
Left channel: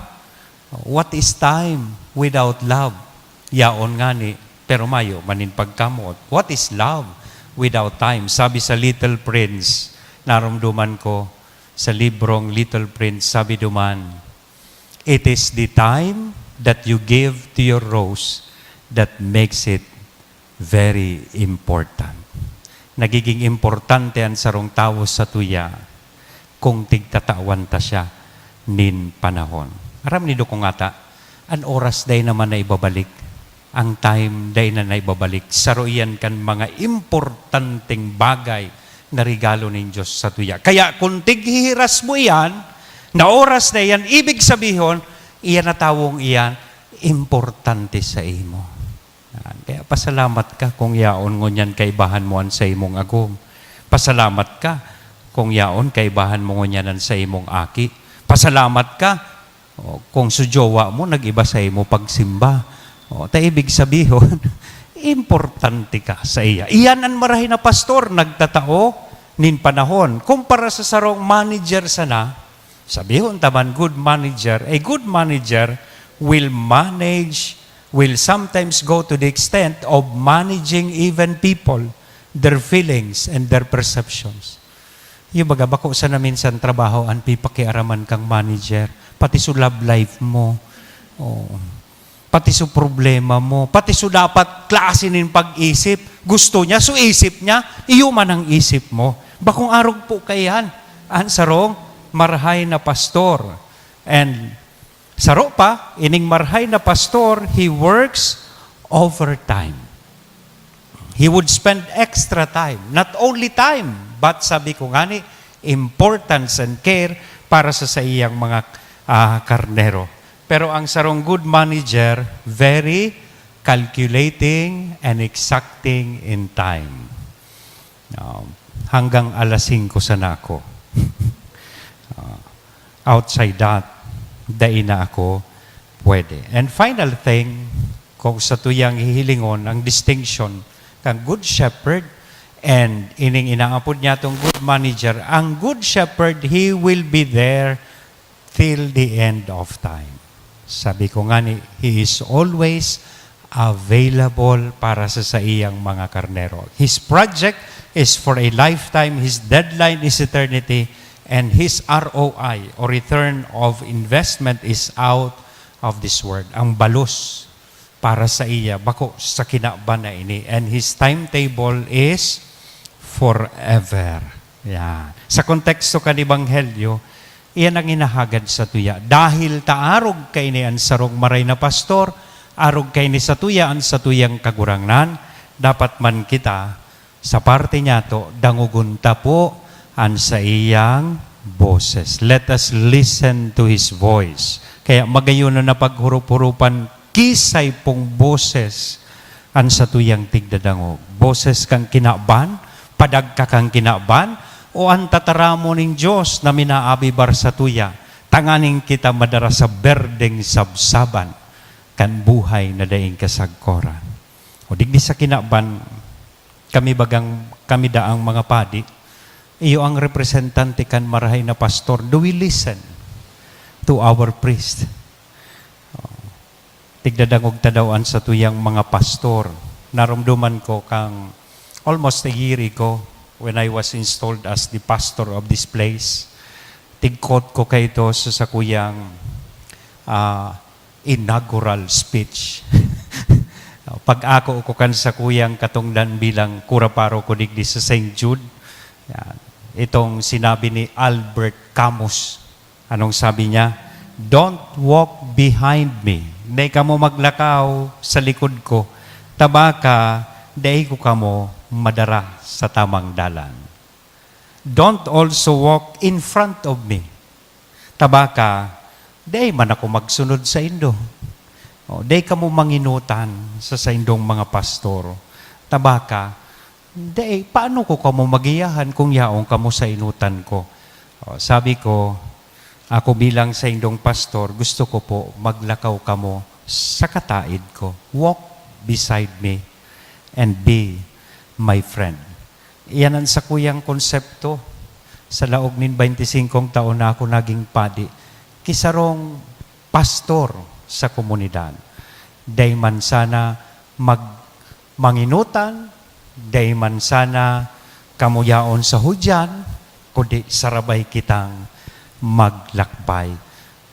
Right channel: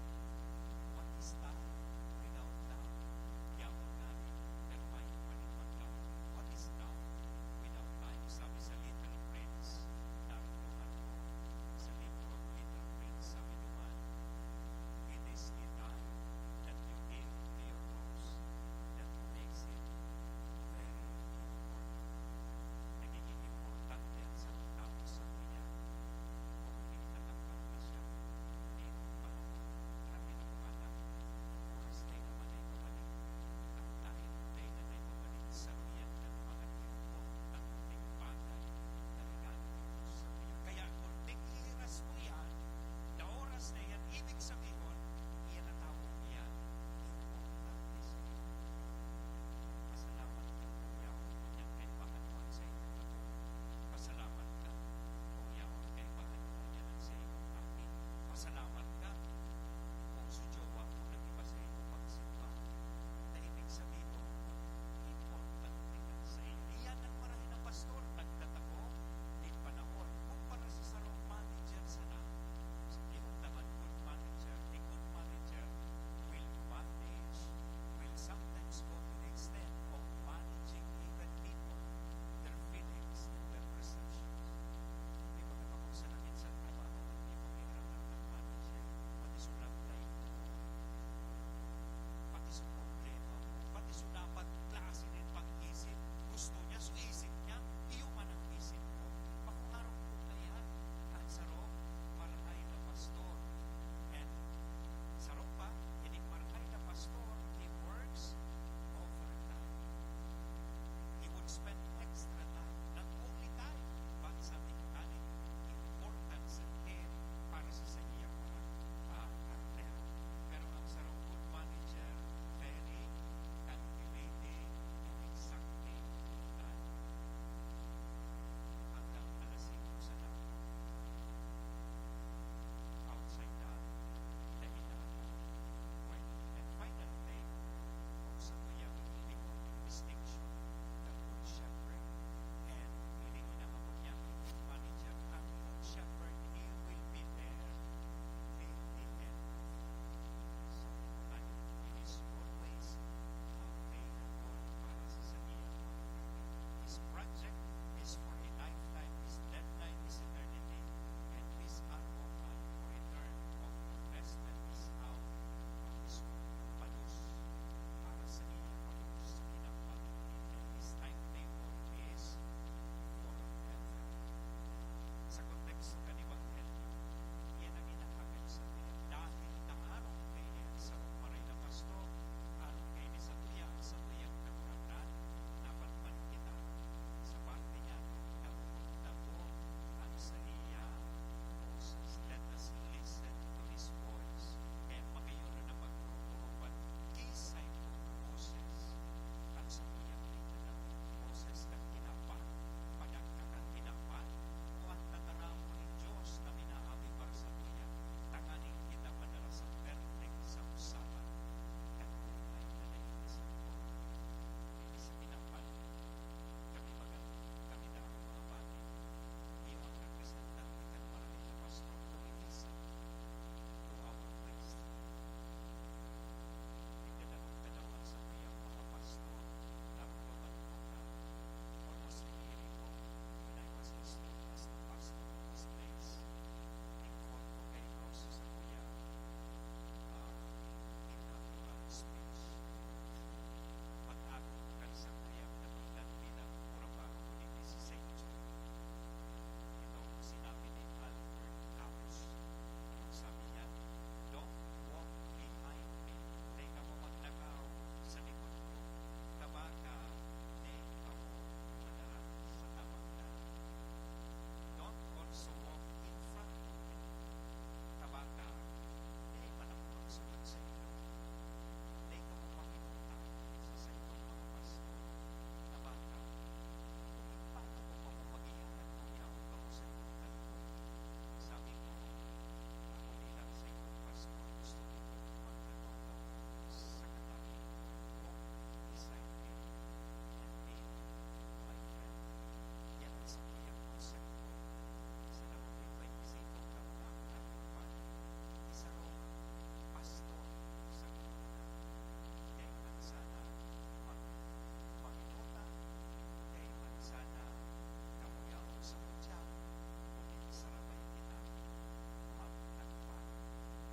What is time without love? Yaon ngani, pero mayo, manin pagkamot. What is love without time? Sabi sa Little Prince, naramduman ko sa librong Little Prince, sabi duman, it is the time that you give to your rose that makes it very important. Nagiging importante ang sarong tao sa tuya kung tigtatawan ta siya nin panahon. Aram nido kong ata, ang oras day naman na ibabalik, ang time day na naibabalik. Saroyan kan mga importanteng bagay na regalo ng Diyos sa tuya. Kaya kung tighihiras mo yan, na oras na yan, ibig sabihin, iyan na tawong iyan, importante sa imo. Kaya pasalamat ka kung yaon ngunyan kaibahan mo sa imong agom. Pasalamat ka kung yaon kaibahan mo ngunyan sa imong aki. Pasalamat ka kung sujowa mo nagiba sa imo pagsimba. Ibig sabihin, importante ka sa iya. Iyan ang marahin na pastor, nagtatao nin panahon. Kumpara sa sarong manager sana, sabihon taman, good manager, a good manager will sometimes go to the extent of managing even people, their feelings and their perceptions. Yung baga, bako sa namin sa trabaho, ang pipakiaraman kang manager, pati sa love life mo, pati sa problema mo, pati sa dapat klase nin pag-isip, gusto niya, so isip niya, iyo man ang isip mo. Bakong arog po kayan, ang sarong, marhay na pastor. And saro pa, ining marhay na pastor, he works overtime. He would spend extra time. Not only time, but sabi ko nga ni, importance and care para sa iyang mga karnero. Pero ang sarong good manager, very calculating and exacting in time. Hanggang alas 5 sana ako. Outside that, dahil na ako pwede. And final thing, kung sa tuyang hihilingon, ang distinction kang good shepherd and ining inaapod niya itong good manager, ang good shepherd, he will be there till the end of time. Sabi ko nga ni, he is always available para sa iyang mga karnero. His project is for a lifetime, his deadline is eternity, and his ROI, or return of investment, is out of this world. Ang balos para sa iya, bako sa kinaba na ini. And his timetable is forever. Yan. Sa konteksto kan Ebanghelyo, iyan ang inahagad sa tuya. Dahil taarog kay ni ang sarong maray na pastor, arog kay ni sa tuya ang sa tuyang kagurangnan, dapat man kita sa parte niya to, dangugunta po ang sa iyang boses. Let us listen to His voice. Kaya magayon na paghurup-hurupan, kisay pong boses ang sa tuyang tigdadangog. Boses kang kinaban, padagka kang kinaban, o ang tataramo ning Diyos na minaabibar sa tuya, tanganing kita madara sa berdeng sabsaban, kan buhay na daing kasagkoran. O digdi sa kinaban, kami daang mga padi, iyo ang representante kan marahay na pastor, do we listen to our priest? Tigdadangog tadawaan sa tuyang mga pastor, naramduman ko kang almost a year ago, when I was installed as the pastor of this place, tigkot ko kayo ito sa kuyang inaugural speech. Pag ako kan sa kuyang katungdan bilang kuraparo ko digdi sa St. Jude, yan, itong sinabi ni Albert Camus. Anong sabi niya? Don't walk behind me. Hindi ka mo maglakaw sa likod ko. Tabaka, dahil ko ka mo madara sa tamang dalan. Don't also walk in front of me. Tabaka, dahil man ako magsunod sa indo. Dahil ka mo manginutan sa indong mga pastor. Tabaka, dahil paano ko ka mo magiyahan kung yaong ka mo sa inutan ko? Sabi ko, ako bilang sa indong pastor, gusto ko po maglakaw ka mo sa kataid ko. Walk beside me and be my friend. Iyan ang sa kuyang konsepto. Sa laog nin 25 taon na ako naging padi. Kisarong pastor sa komunidad. Day man sana manginutan, day man sana kamuyaon sa hudyan, kundi sarabay kitang maglakbay.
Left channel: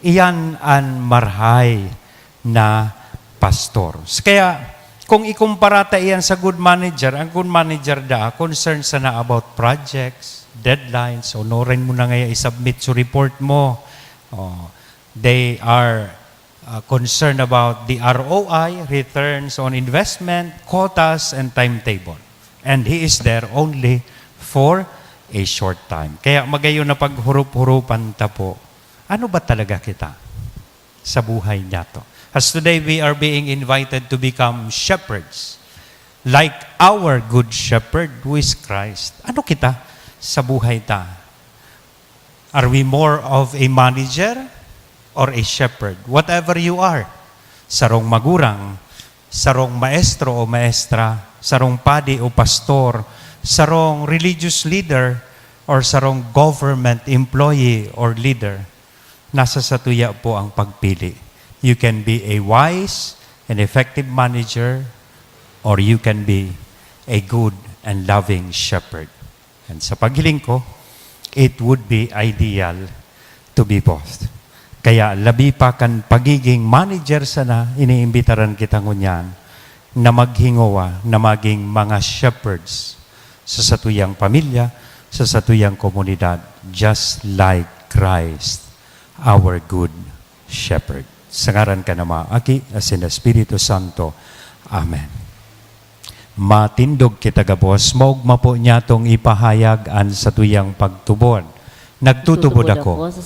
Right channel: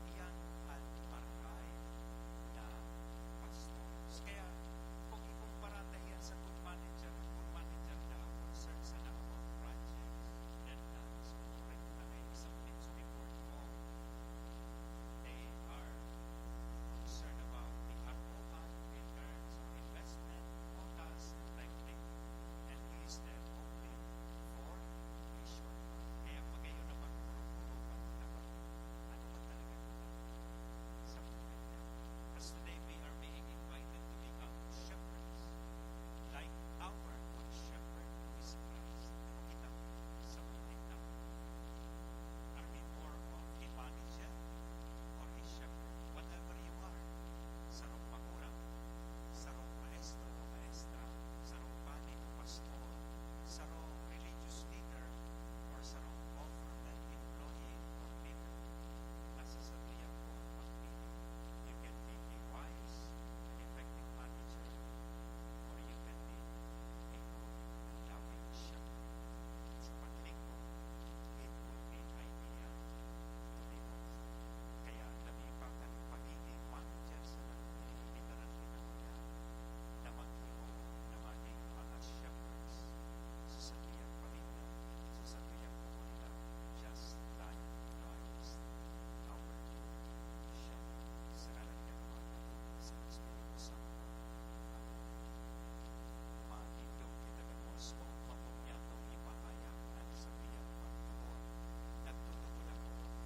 Iyan ang marhay na pastor. Kaya, kung ikumpara iyan sa good manager, ang good manager concerned sana about projects, deadlines, honorin mo na ngayon isubmit sa report mo. They are concerned about the ROI, returns on investment, quotas, and timetable. And he is there only for a short time. Kaya magayon na paghurup-hurupan ta po, ano ba talaga kita sa buhay niya to? As today we are being invited to become shepherds, like our good shepherd who is Christ. Ano kita sa buhay ta? Are we more of a manager or a shepherd? Whatever you are, sarong magurang, sarong maestro o maestra, sarong padi o pastor, sarong religious leader, or sarong government employee or leader, nasa satuya po ang pagpili. You can be a wise and effective manager, or you can be a good and loving shepherd. And sa paghiling ko, it would be ideal to be both. Kaya labi pa kan pagiging manager sana, iniimbitaran kita ngunyan na maghingowa, na maging mga shepherds sa satuyang pamilya, sa satuyang komunidad, just like Christ, our good shepherd. Sa ngaran ka na maaki, as in the Espiritu Santo. Amen. Matindog kita gabos, maugma po niya tong ipahayag ang satuyang pagtubod. Nagtutubod ako sa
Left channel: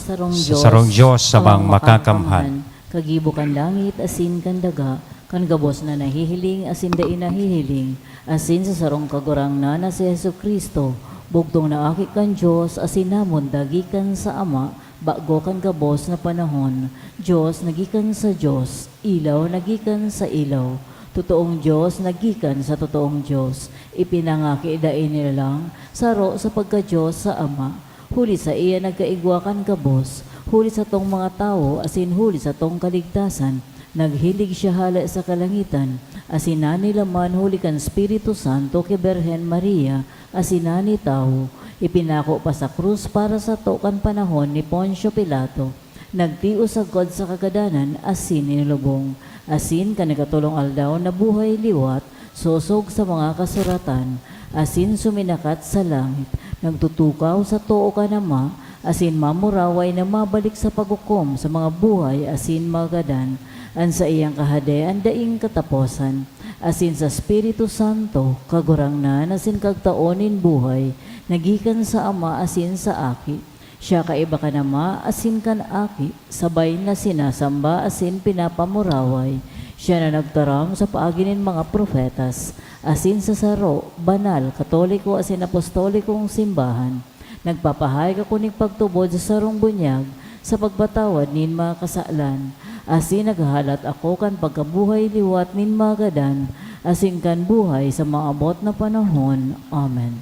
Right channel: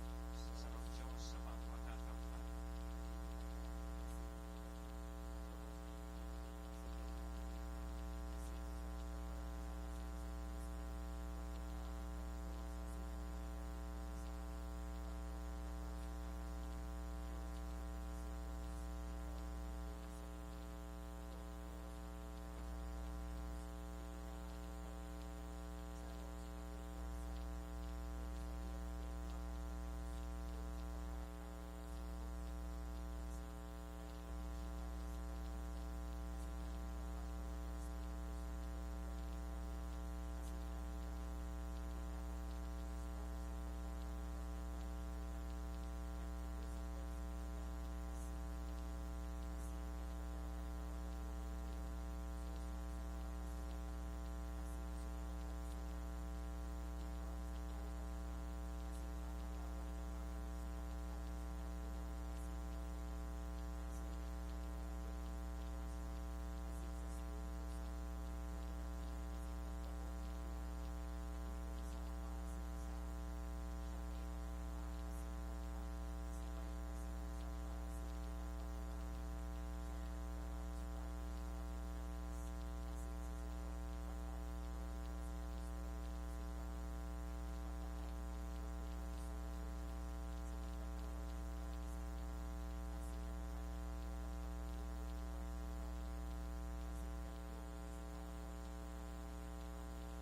sarong Diyos sa mga makakamhan. Kagibo kan langit, asin kan daga, kan gabos na nahihiling, asin da inahihiling, asin sa sarong kagurang na si Yesu Kristo, bugtong na aki kan Diyos, asin namon dagikan sa Ama, bago kan gabos na panahon. Diyos nagikan sa Diyos, ilaw nagikan sa ilaw. Totoong Diyos nagikan sa totoong Diyos. Ipinangaki dain nila lang, saro sa pagka-Diyos sa Ama. Huli sa iya nagkaigwakan gabos, huli sa tong mga tao, asin huli sa tong kaligtasan. Naghilig siya hala sa kalangitan, asinani laman huli kan Espiritu Santo kay Berhen Maria, asinani tao. Ipinako pa sa krus para sa tokan panahon ni Poncio Pilato. Nagtio sa God sa kagadanan, asin nilubong. Asin ka nagatulong aldaw na buhay liwat, sosog sa mga kasuratan. Asin suminakat sa langit, nagtutukaw sa too ka nama, asin mamuraway na mabalik sa pagukom sa mga buhay, asin magadan. An sa iyang kahadean daing kataposan, asin sa Espiritu Santo, kagurang na, asin kagtaonin buhay, nagikan sa Ama, asin sa Aki. Siya kaiba ka nama, asin kan Aki, sabay na sinasamba, asin pinapamuraway. Siya na nagtaram sa paaginin mga profetas, asin sa saro, banal, katoliko, asin apostolikong simbahan. Nagpapahay ka kuning pagtubod sa sarong bunyag, sa pagbatawad nin mga kasalan. Asin naghahalat ako kan pagkabuhay liwat nin magadan, asin kan buhay sa maabot na panahon. Amen.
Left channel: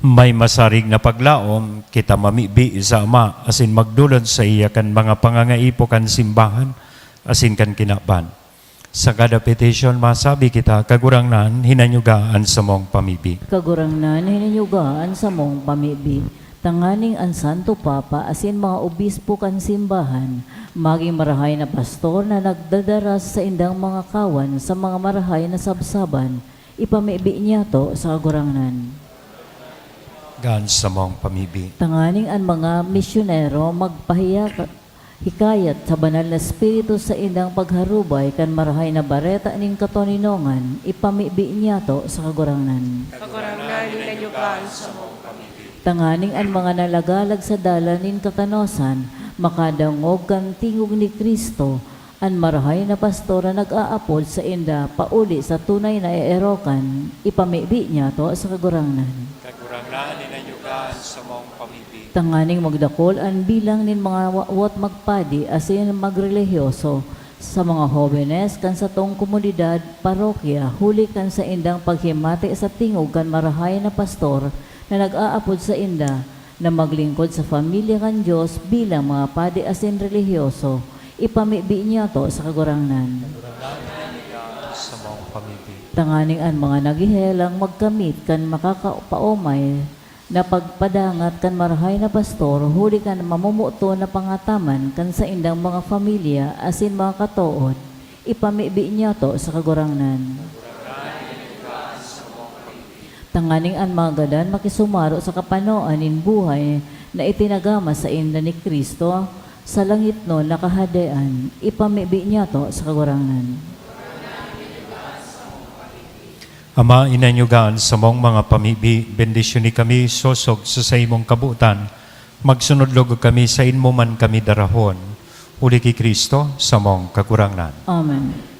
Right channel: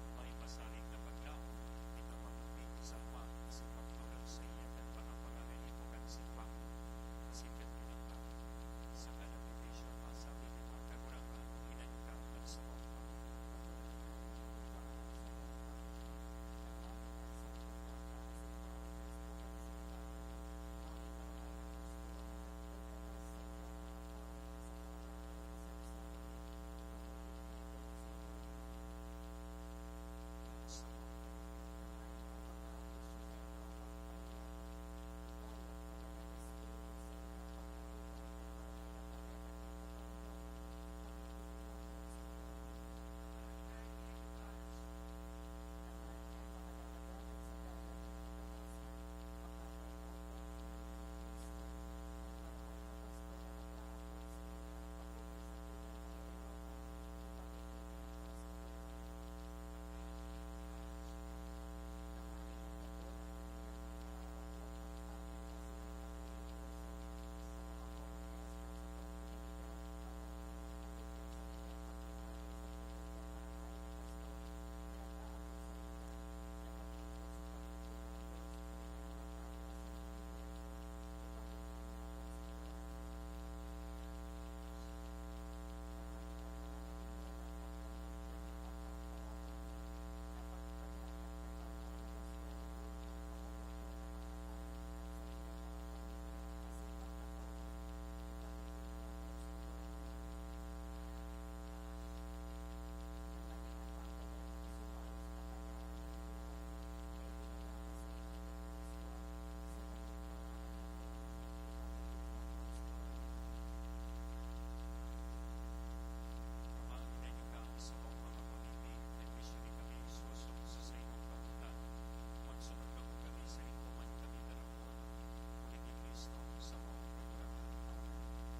May masarig na paglaom, kita mamibi sa Ama, asin magdulod sa iya kan mga pangangaipo kan simbahan, asin kan kinaban. Sa kada petition, masabi kita, kagurangnan, hinanyugaan sa mong pamibi. Kagurangnan, hininyugaan sa mong pamibi. Tanganing ang Santo Papa, asin mga obispo kan simbahan, maging marahay na pastor na nagdadaras sa indang mga kawan sa mga marahay na sabsaban, ipamibi niya to sa kagurangnan. Gaan sa mong pamibi. Tanganing ang mga misyonero hikayat sa banal na espiritu sa indang pagharubay kan marahay na bareta ning katoninongan, ipamibi niya to sa kagurangnan. Kagurangnan, hinanyugaan sa mong Tanganing ang mga nalagalag sa dalanin kakanosan, makadangog kan tingog ni Kristo, ang marahay na pastora nag-aapod sa inda, pauli sa tunay na erokan, ipamibi niya to sa kagurangnan. Kagurangnan, hinanyugaan sa mong pamibi. Tanganing magdakol ang bilang nin mga wat magpadi asin magrelihiyoso sa mga hobenes kan sa tong komunidad, parokya, huli kan sa indang paghimati sa tingog kan marahay na pastor, na nag-aapod sa inda na maglingkod sa pamilya kan Diyos bilang mga padi asin relihiyoso, ipamibi niya to sa kagurangnan. Sa mong pamibi. Tanganing ang mga nagihelang magkamit kan makakapaomay na pagpadangat kan marahay na pastor, huli kan mamumuto na pangataman kan sa indang mga pamilya asin mga katood, ipamibi niya to sa kagurangnan. Tanganing ang mga gadan makisumaro sa kapanoan in buhay na itinagama sa inda ni Kristo sa langit no nakahadean, ipamibi niya to sa kagurangnan. Ama, inanyugaan sa mong mga pamibi, bendisyon ni kami, sosog sa imong kabutan, magsunod logo kami sa inmo man kami darahon, uli ki Kristo sa mong kagurangnan. Amen.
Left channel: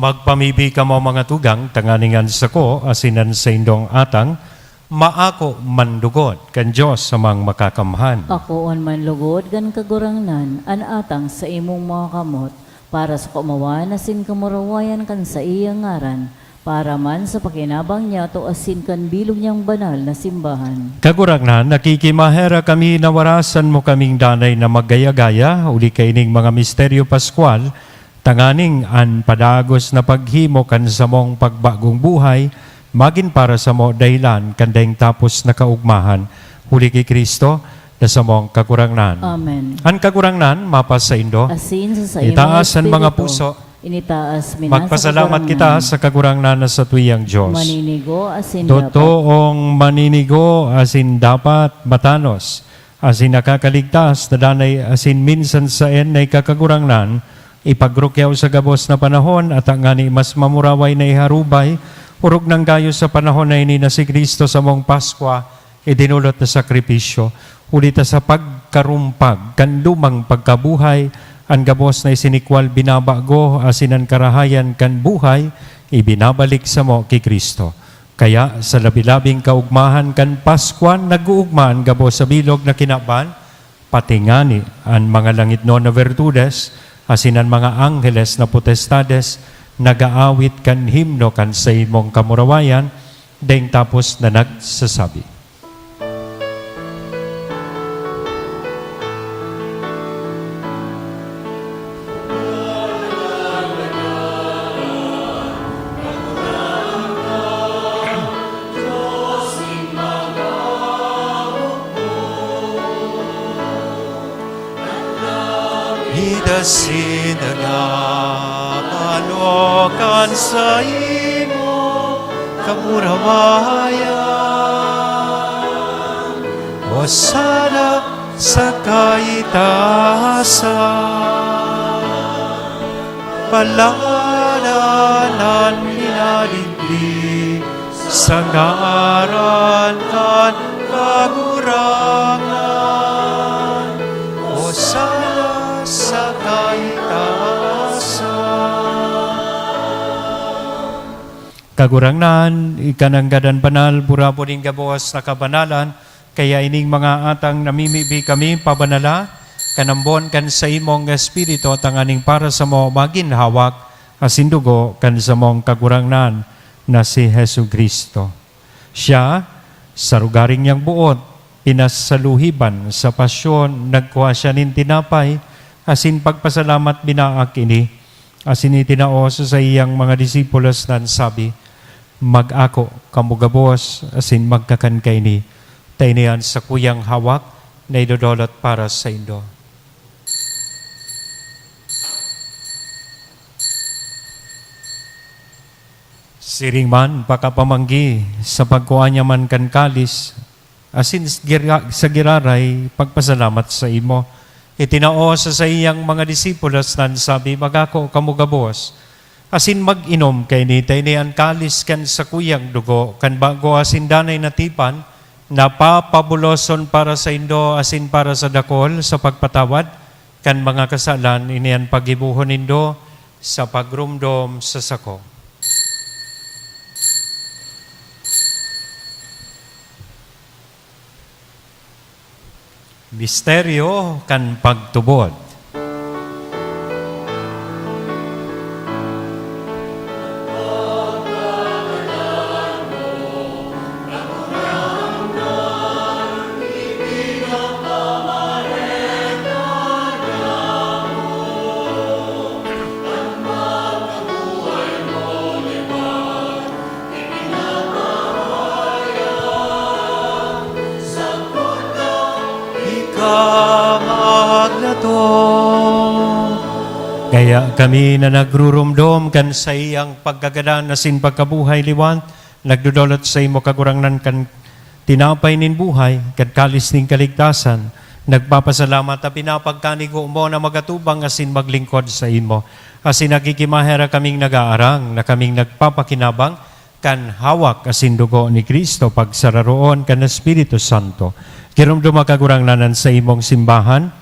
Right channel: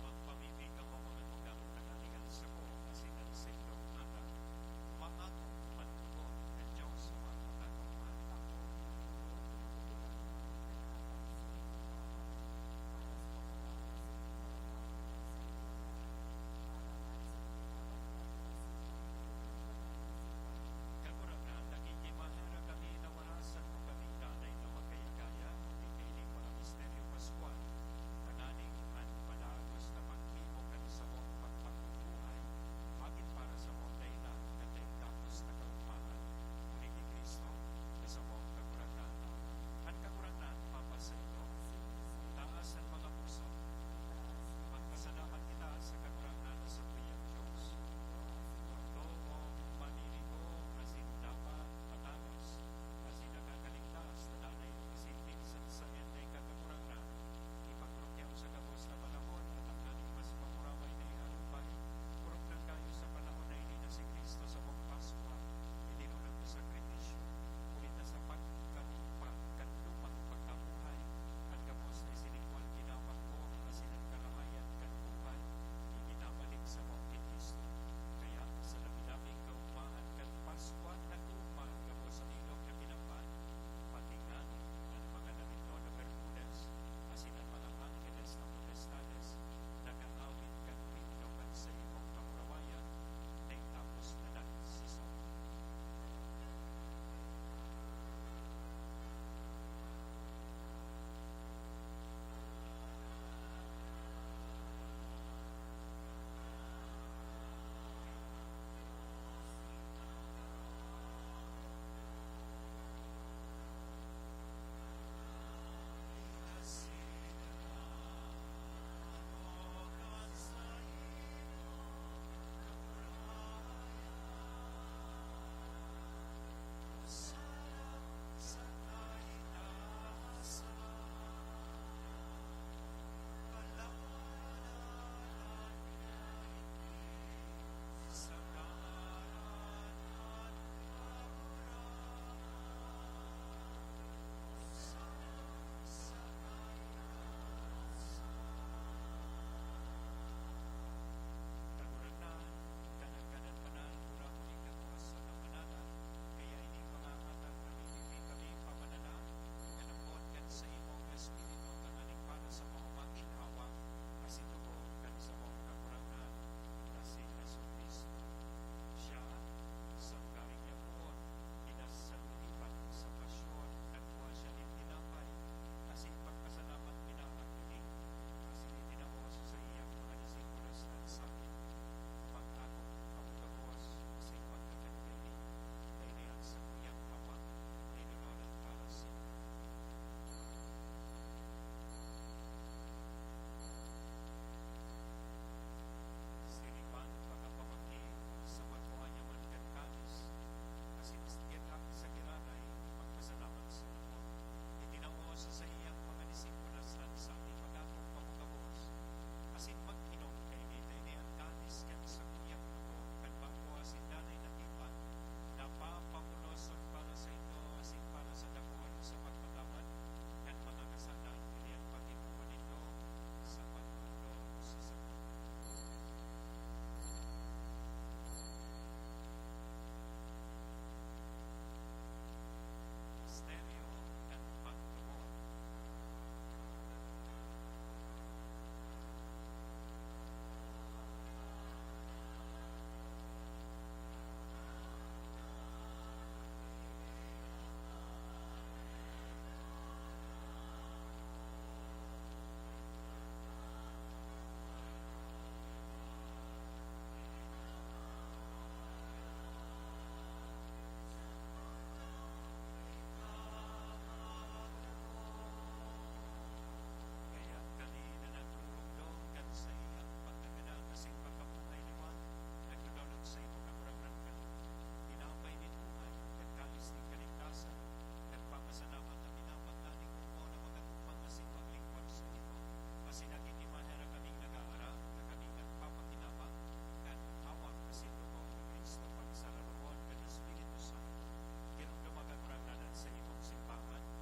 Magpamibi ka mo mga tugang, tanganingan sa ko, asinan sa indong atang, maako mandugot, kan Diyos sa mang makakamhan. Ako on man lugod gan kagurangnan, an atang sa imong mga kamot, para sa kumawan asin kamurawayan kan sa iyang ngaran, para man sa pakinabang niya to asin kan bilog niyang banal na simbahan. Kagurangnan, nakikimahera kami na warasan mo kaming danay na maggaya-gaya, uli kaining mga misteryo paskwal, tanganing an padagos na paghimo kan sa mong pagbagong buhay, magin para sa mo dahilan kandeng tapos na kaugmahan, huli kay Kristo, na sa mong kagurangnan. Amen. An kagurangnan, mapas sa indo, Asin sa imong itaas ang mga espiritu, puso, initaas minasa magpasalamat kita sa kagurangnan na sa tuyang Diyos. maninigo asin dapat. Totoong maninigo asin dapat matanos, asin nakakaligtas na danay asin minsan sa en ay kakagurangnan, ipagrukyaw sa gabos na panahon at ang ngani mas mamuraway na iharubay, urog ng gayo sa panahon na ini na si Kristo sa mong Paskwa, idinulot na sakripisyo, ulita sa pagkarumpag, kan lumang pagkabuhay, ang gabos na isinikwal binabago, asinan karahayan kan buhay, ibinabalik sa mo kay Kristo. Kaya sa labi-labing kaugmahan kan Paskwan, nag-uugmaan gabos sa bilog na kinaban, pati ngani ang mga langit no na virtudes, asinan mga angheles na potestades, nagaawit kan himno kan sa imong kamurawayan, daing tapos na nagsasabi. Hidasin na manokan sa imo kamurawayan. O sana sa kaitaasan, palalanan ninaliglig sa ngaran kan kagurangan. O sana sa kaitaasan. Kagurangnan, ikananggadan banal, burapo ning gabuas na kabanalan, kaya ining mga atang namimibi kami pabanala, kanambon kan sa imong espiritu, tanganing para sa mo maginhawak, asindugo kan sa mong kagurangnan na si Hesu Kristo. Siya, sa rugaring niyang buot, pinasaluhiban sa pasyon, nagkuha siya nin tinapay, asin pagpasalamat binaak ini, asin itinaos sa iyang mga disipulos nan sabi, mag-ako kamugabos, asin magkakan kay ni, tainian sa kuyang hawak, na idodolot para sa indo. Siring man, pakapamanggi, sa pagkuha niya man kan kalis, asin sa giraray, pagpasalamat sa imo, itinao sa iyang mga disipulos nan sabi, magako kamugabos, asin mag-inom kay ni tainian kalis kan sa kuyang dugo, kan bago asin danay natipan, napapabuloson para sa indo, asin para sa dakol, sa pagpatawad, kan mga kasalan, inian pagibuhon indo, sa pagrumdom sa sako. Misteryo kan pagtubod. Kaya kami na nagrurumdom kan sa iyang pagkagadan asin pagkabuhay liwat, nagdudolot sa imo kagurangnan kan tinapay nin buhay, kan kalis nin kaligtasan, nagpapasalamat at pinapagkanigo mo na magatubang asin maglingkod sa imo. Asin nagkikimahera kaming nag-aarang, na kaming nagpapakinabang, kan hawak asin dugo ni Kristo pagsararoon kan Espiritu Santo. Kirumdum kagurangnanan sa imong simbahan,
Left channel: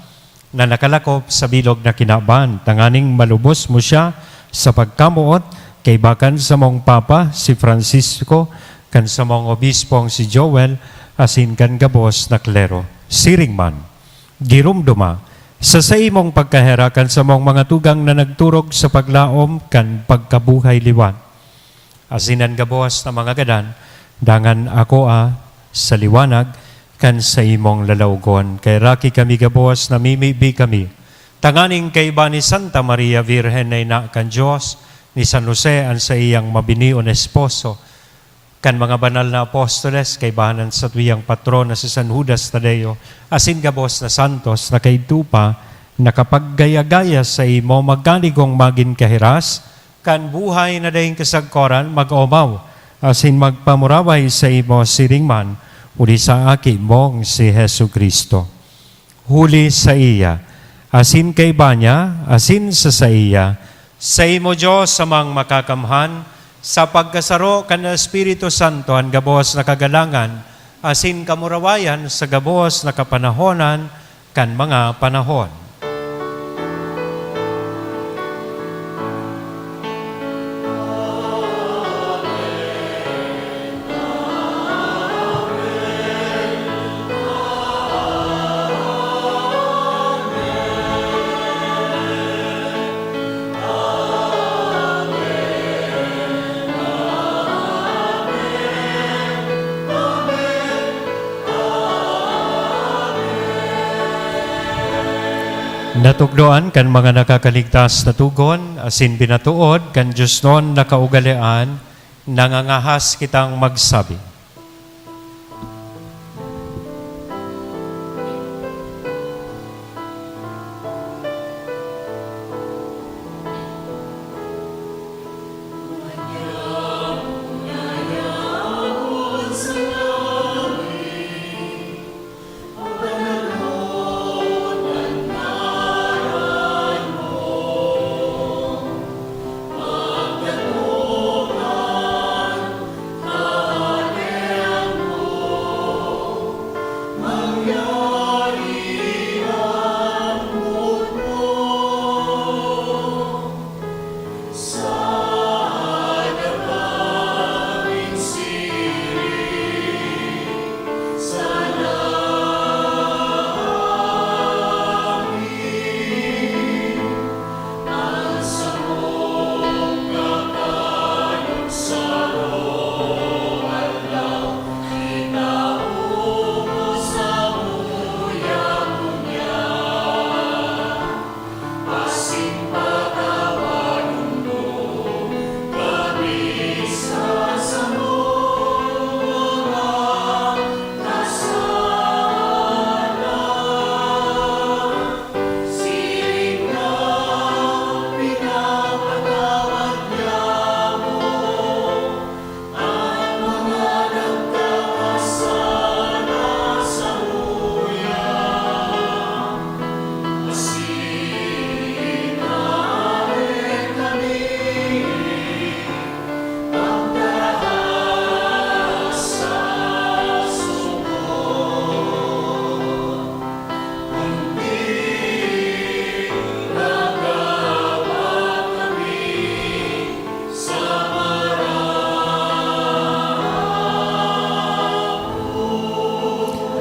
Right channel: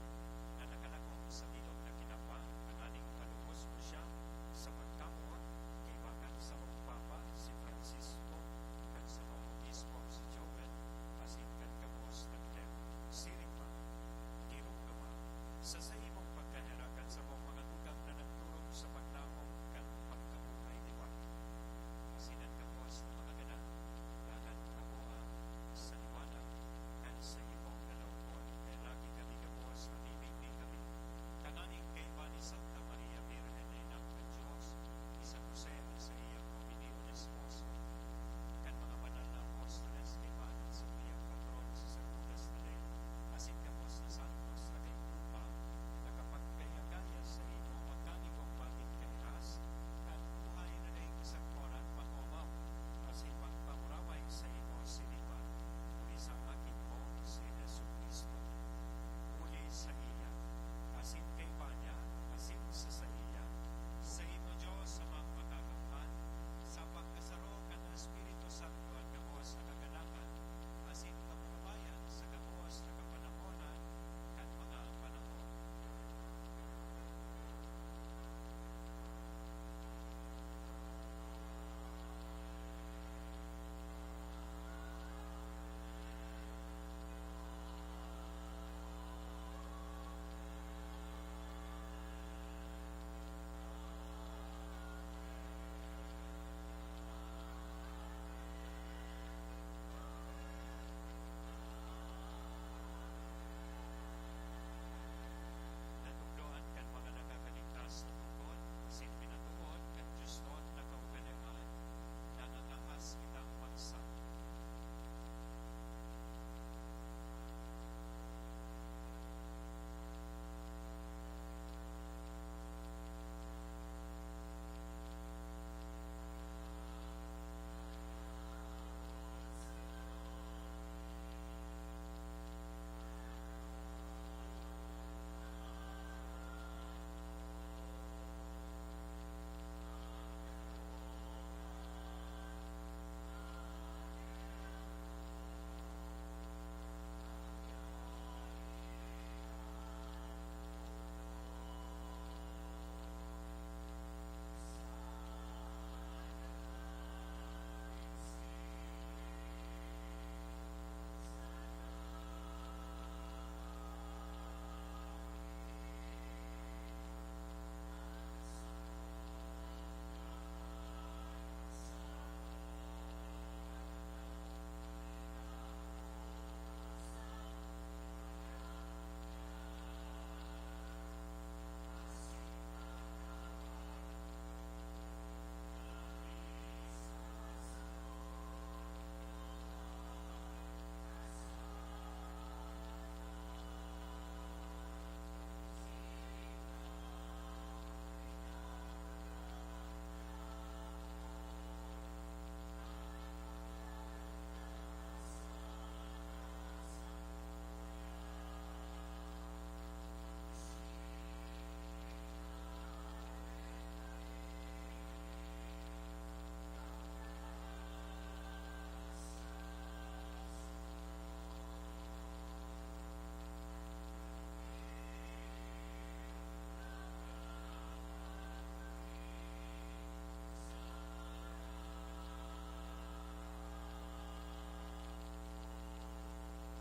na nakalakop sa bilog na kinaban, tanganing malubos mo siya sa pagkamuot, kay bakan sa mong Papa, si Francisco, kan sa mong Obispong si Joel, asin kan gabos na klero. Siring man, girumduma, sa imong pagkaherakan sa mong mga tugang na nagturog sa paglaom, kan pagkabuhay liwan. Asinan gabos na mga gadan, dangan ako sa liwanag, kan sa imong lalaugon. Kay raki kami gabos, namimibi kami. Tanganing kay ba ni Santa Maria Virgen na ina kan Diyos, ni San Jose ang sa iyang mabinion esposo, kan mga banal na apostoles, kay bahanan sa tuyang patron na si San Judas Tadeo, asin gabos na santos na kay tupa, nakapaggaya-gaya sa imo, magkanigong magin kahiras, kan buhay na dahing kasagkoran, mag-omaw, asin magpamuraway sa imo siringman, uli sa aki mong si Hesu Kristo. Huli sa iya, asin kay banya, asin sa iya, sa imo Diyos samang makakamhan, sa pagkasaro kan Espiritu Santo, ang gabos na kagalangan, asin kamurawayan sa gabos na kapanahonan, kan mga panahon. Natugdoan kan mga nakakaligtas na tugon, asin binatuod, kan Diyos noon nakaugalian, nangangahas kitang magsabi.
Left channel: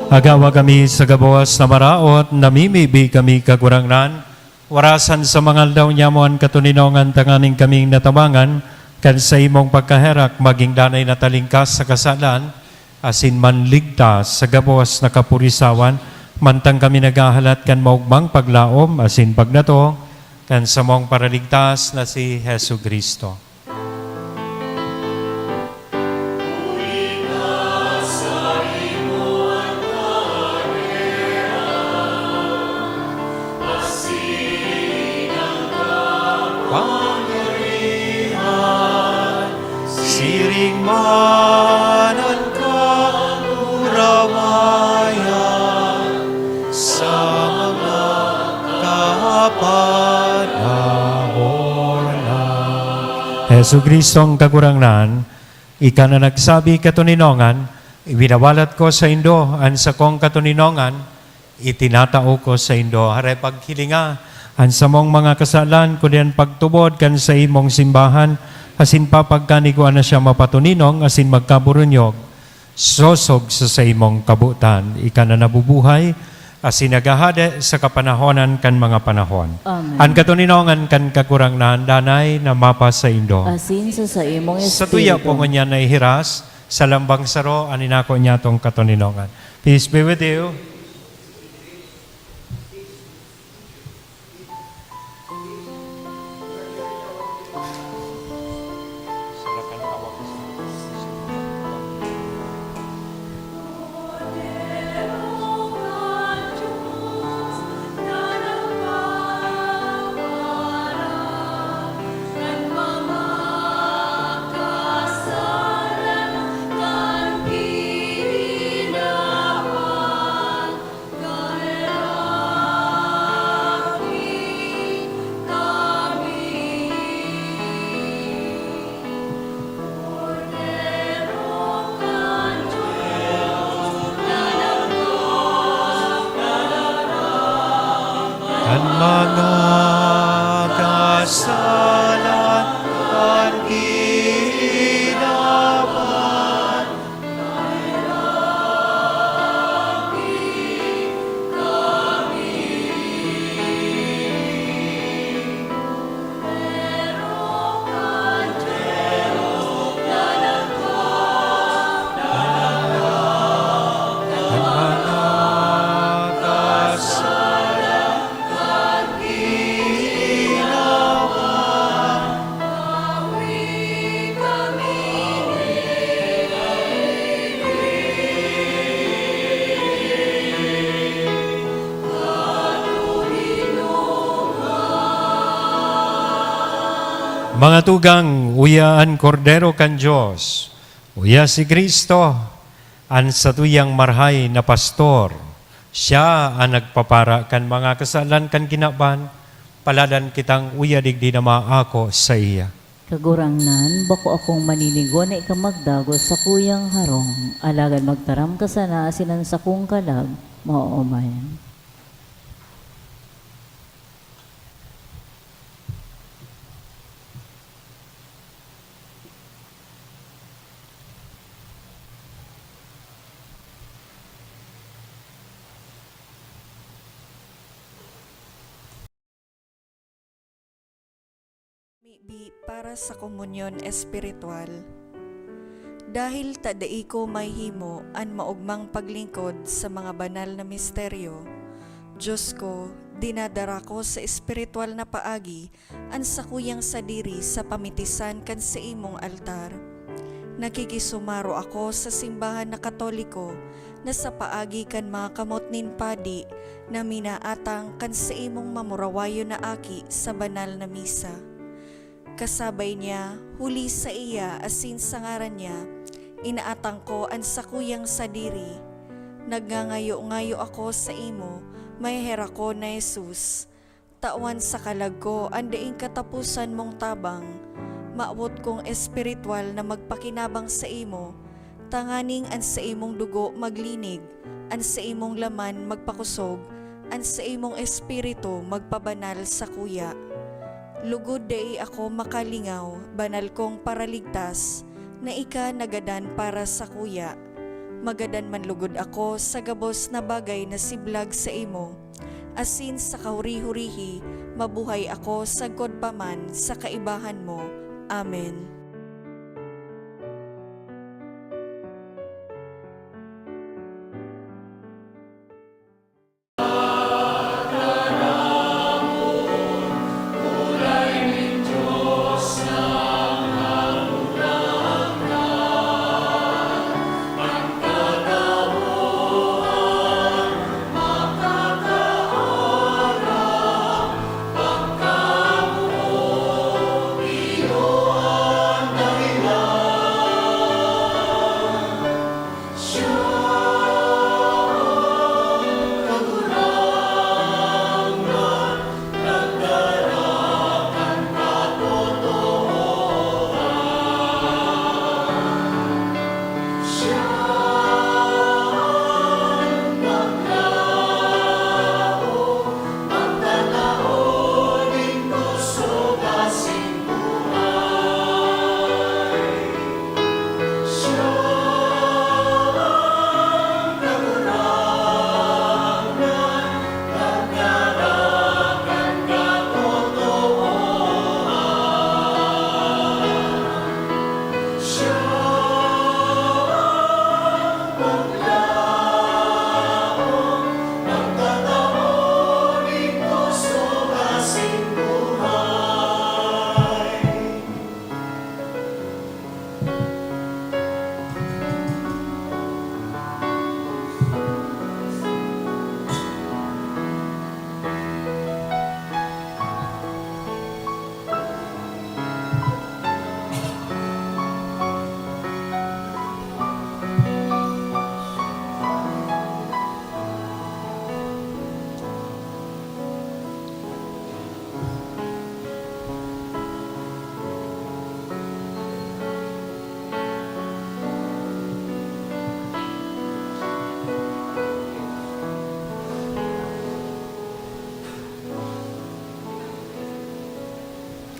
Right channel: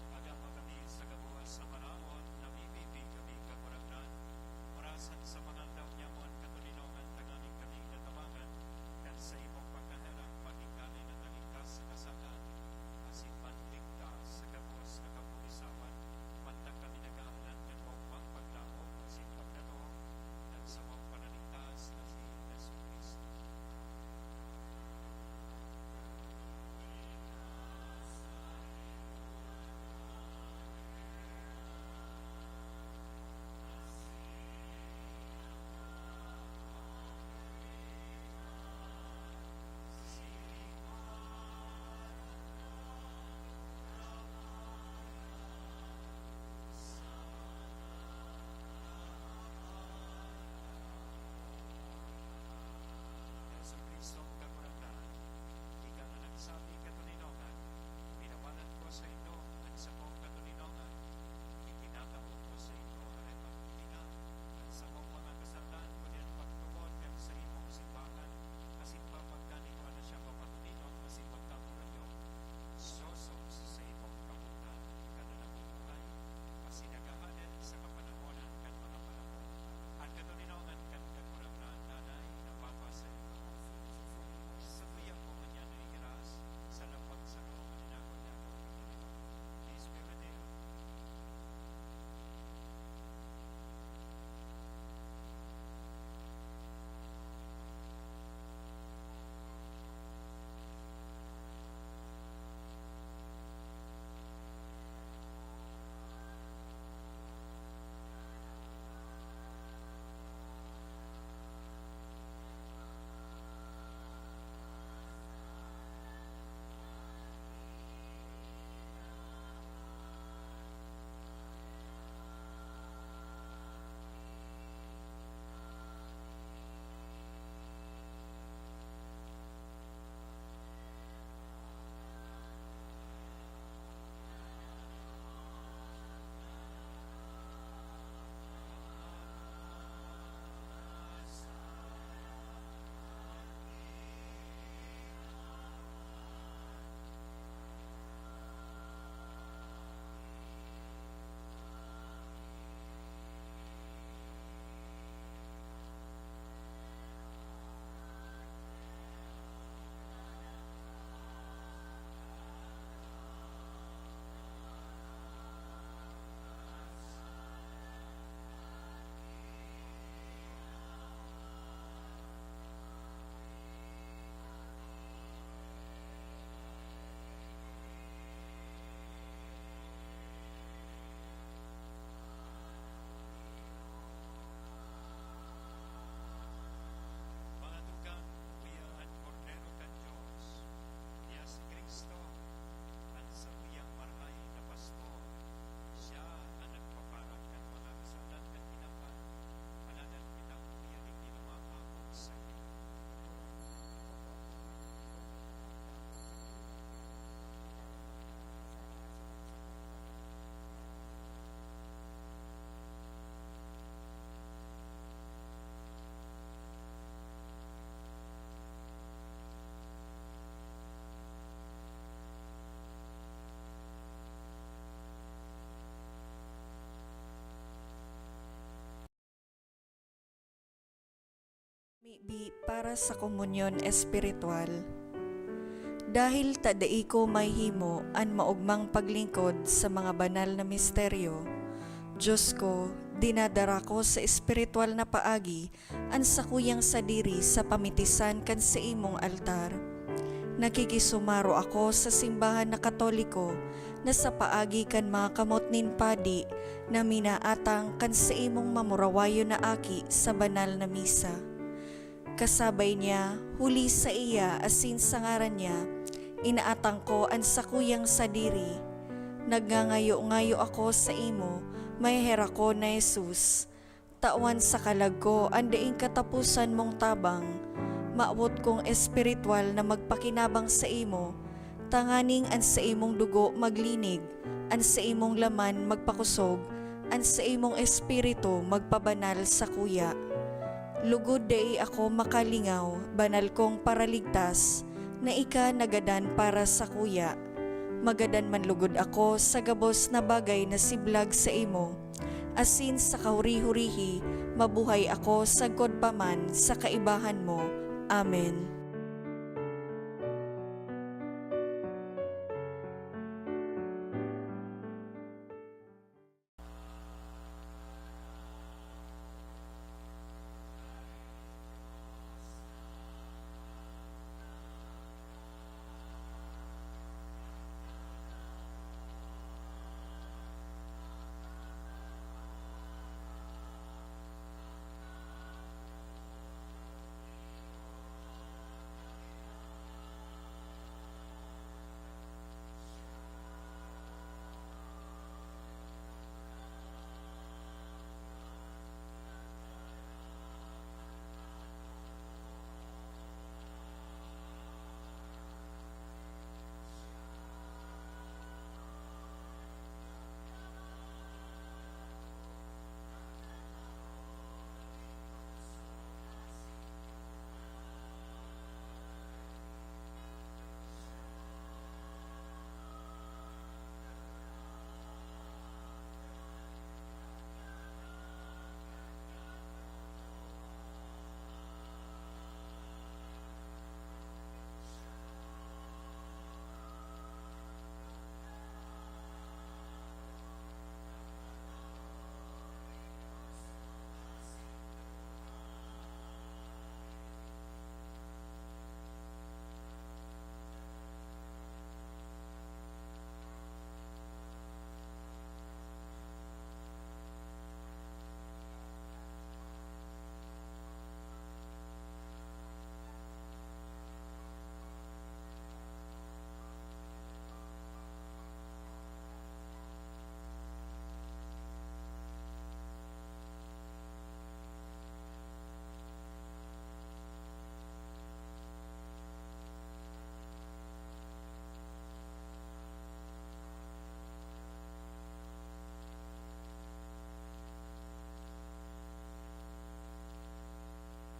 Agawa kami sa gabawas na maraot, namimibi kami kagurangnan, warasan sa mga aldaw nyamuan katuninongan tanganing kaming natabangan, kan sa imong pagkaherak maging danay na talingkas sa kasalan, asin manligtas sa gabawas na kapurisawan, mantang kami nagahalat kan maugmang paglaom, asin pagnato, kan sa mong paraligtas na si Hesu Kristo. Siring manan ka, uramayan, sa mga kapanahonan. Hesu Kristong kagurangnan, ika na nagsabi katuninongan, ibinawalat ko sa Indo, an sa kong katuninongan, itinatao ko sa Indo. Hare paghilinga, an sa mong mga kasalan, kudian pagtubod kan sa imong simbahan, asin papagkaniguan na siya mapatuninong, asin magkaburunyog, sosog sa imong kabutan, ika na nabubuhay, asin nagahade sa kapanahonan kan mga panahon. Amen. An katuninongan kan kakurangnan, danay na mapa sa Indo. Asin sa imong Sa tuya po espiritu. nga na ihiras, sa lambang saro, aninako niya tong katuninongan. Peace be with you. Ang mga kasalan at ginawan, ang mga kasalan Mga tugang, uyaan kordero kan Diyos. Uya si Kristo, an satuyang marhay na pastor. Siya ang nagpapara kan mga kasalan kan kinaban. Paladan kitang uya digdi na maako sa iya. Kagurangnan, bako akong maninigo na ikamagdagos sa kuyang harong. Alagan magtaram ka sana asinan sa kong kalag, maoomayan. Maybe para sa komunyon espiritual. Dahil tadai ko may himo an maugmang paglingkod sa mga banal na misteryo, Diyos ko, dinadara ko sa espiritual na paagi an sakuyang sadiri sa pamitisan kan sa imong altar. Nakikisumaro ako sa simbahan na Katoliko na sa paagi kan mga kamot nin padi na minaatang kan sa imong mamurawayo na aki sa banal na misa. Kasabay niya, huli sa iya asin sa ngaran niya, inaatang ko ang sakuyang sadiri. Nagngangayo-ngayo ako sa imo, may hera ko na Jesus. Tawan sa kalag ko, andaing katapusan mong tabang. Maawot kong espiritual na magpakinabang sa imo, tanganing an sa imong dugo maglinig, an sa imong laman magpakusog, an sa imong espiritu magpabanal sa kuya. Lugod dai ako makalingaw, banal kong paraligtas, na ika nagadan para sa kuya. Magadan man lugod ako sa gabos na bagay na siblag sa imo. Asin sa kahuri-hurihi, mabuhay ako sagkod paman sa kaibahan mo. Amen.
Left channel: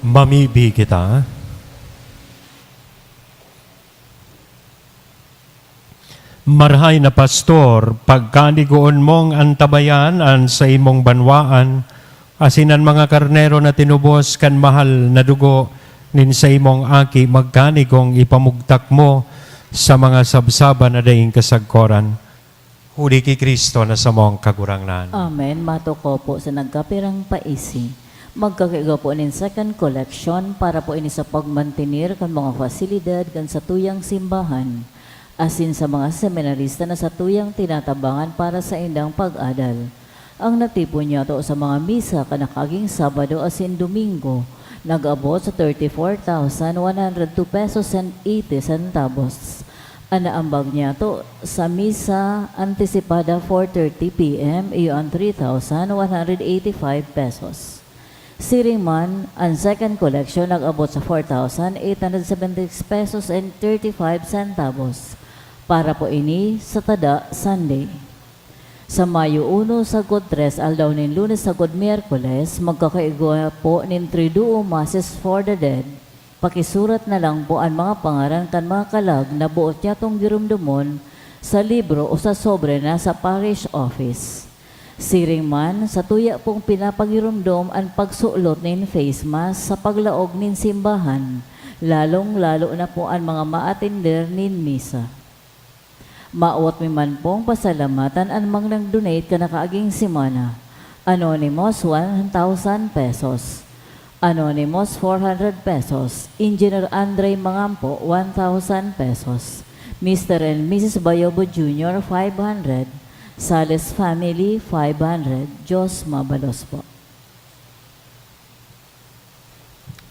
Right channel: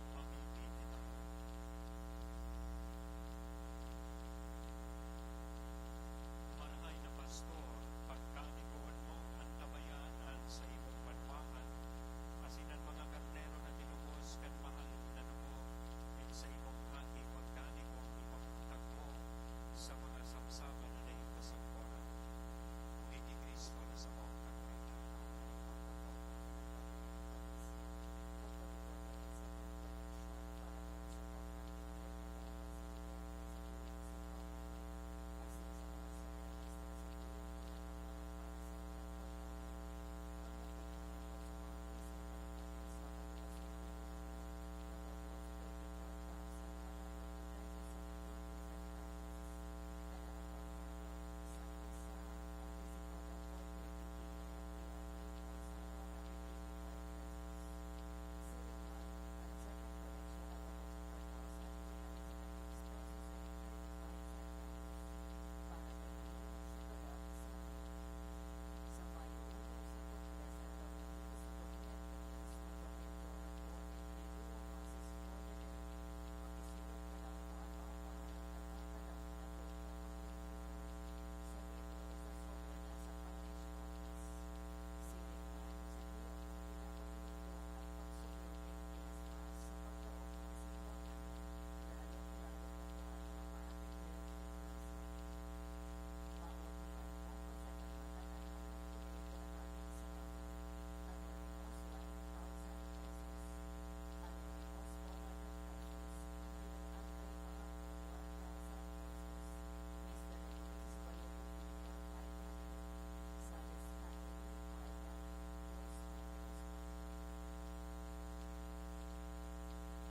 Mamibi kita. Marhay na pastor, pagkanigoon mong antabayan an sa imong banwaan, asinan mga karnero na tinubos kan mahal na dugo, nin sa imong aki magkanigong ipamugtak mo sa mga sabsaba na daing kasagkoran. Huli ki Kristo na sa mong kagurangnan. Amen. Mato ko po sa nagkapirang paisi. Magkakaiga po nin second collection para po ini sa pagmantinir kan mga fasilidad kan sa tuyang simbahan. Asin sa mga seminarista na sa tuyang tinatabangan para sa indang pag-adal. Ang natipon niya to sa mga misa kanakaging Sabado asin Domingo, nag-abot sa 34,102 pesos and 80 centavos. Anaambag niya to sa misa antisipada 4:30 p.m. iyon 3,185 pesos. Siringman, ang second collection nag-abot sa 4,876 pesos and 35 centavos. Para po ini sa tada Sunday. Sa Mayo 1 sagod 3 aldaw nin Lunes sagod Miyerkules magkakaigwa po nin Triduo Masses for the Dead. Pakisurat na lang po ang mga pangaran kan mga kalag na buot niya tong girumdumon sa libro o sa sobre na sa parish office. Siring man, sa tuya pong pinapagirumdom ang pagsuot nin face mask sa paglaog nin simbahan, lalong-lalo na po ang mga ma-attender nin misa. Maawat mi man pong pasalamatan ang mga nang-donate ka na kaaging simana. Anonymous, 1,000 pesos. Anonymous, 400 pesos. Engineer Andre Mangampo, 1,000 pesos. Mr. and Mrs. Bayobo Jr., 500. Sales Family, 500. Diyos mabalos po.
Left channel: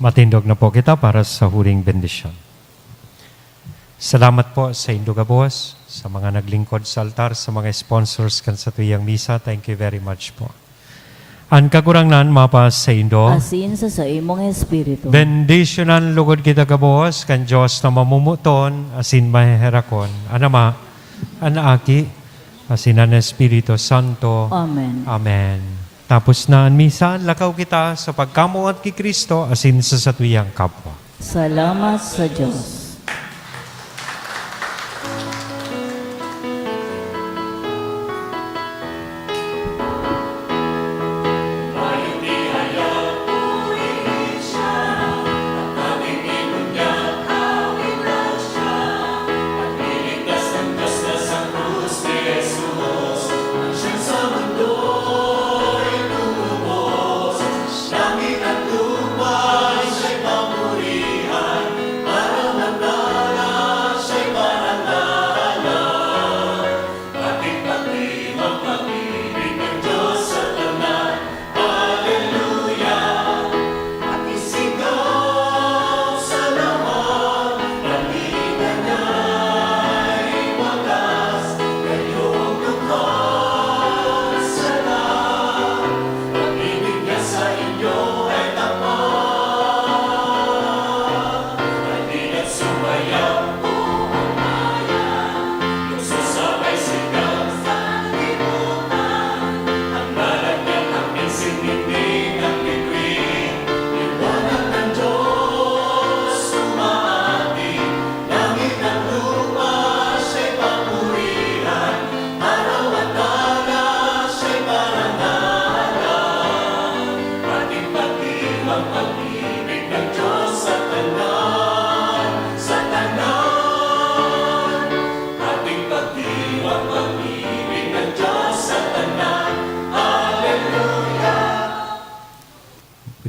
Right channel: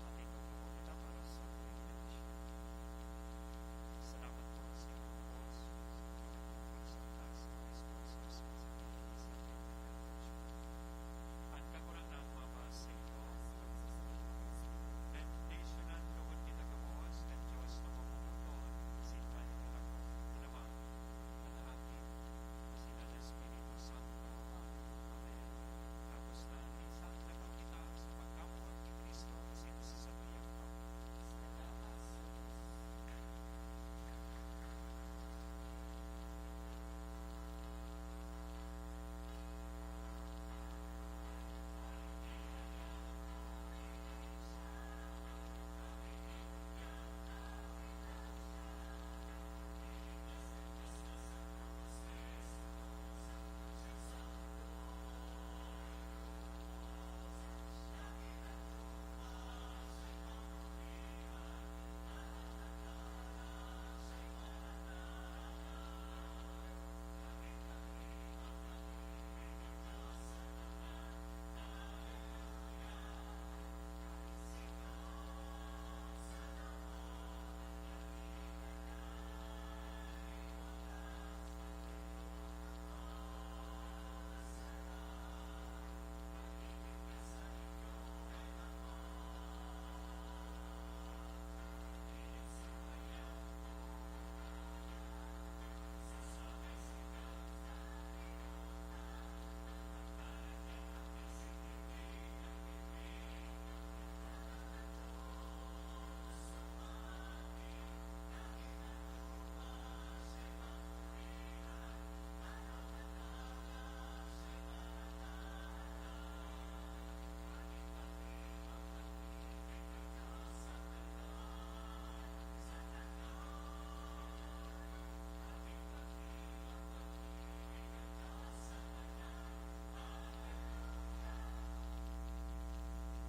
Matindog na po kita para sa huling bendisyon. Salamat po sa Indugabos, sa mga naglingkod sa altar, sa mga sponsors kan sa tuyang misa. Thank you very much po. Ang kagurangnan mapa sa Indo, Asin sa imong espiritu. bendicionan lugod kita kabos, kan Diyos na mamumuton, asin maheherakon, anama, anaaki, asin ang Espiritu Santo. Amen. Amen. Tapos na ang misa, lakaw kita sa pagkamuat kay Kristo, asin sa satuyang kapwa. Salamat sa Diyos.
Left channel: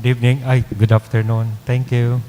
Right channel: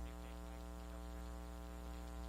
Good evening. Good afternoon. Thank you.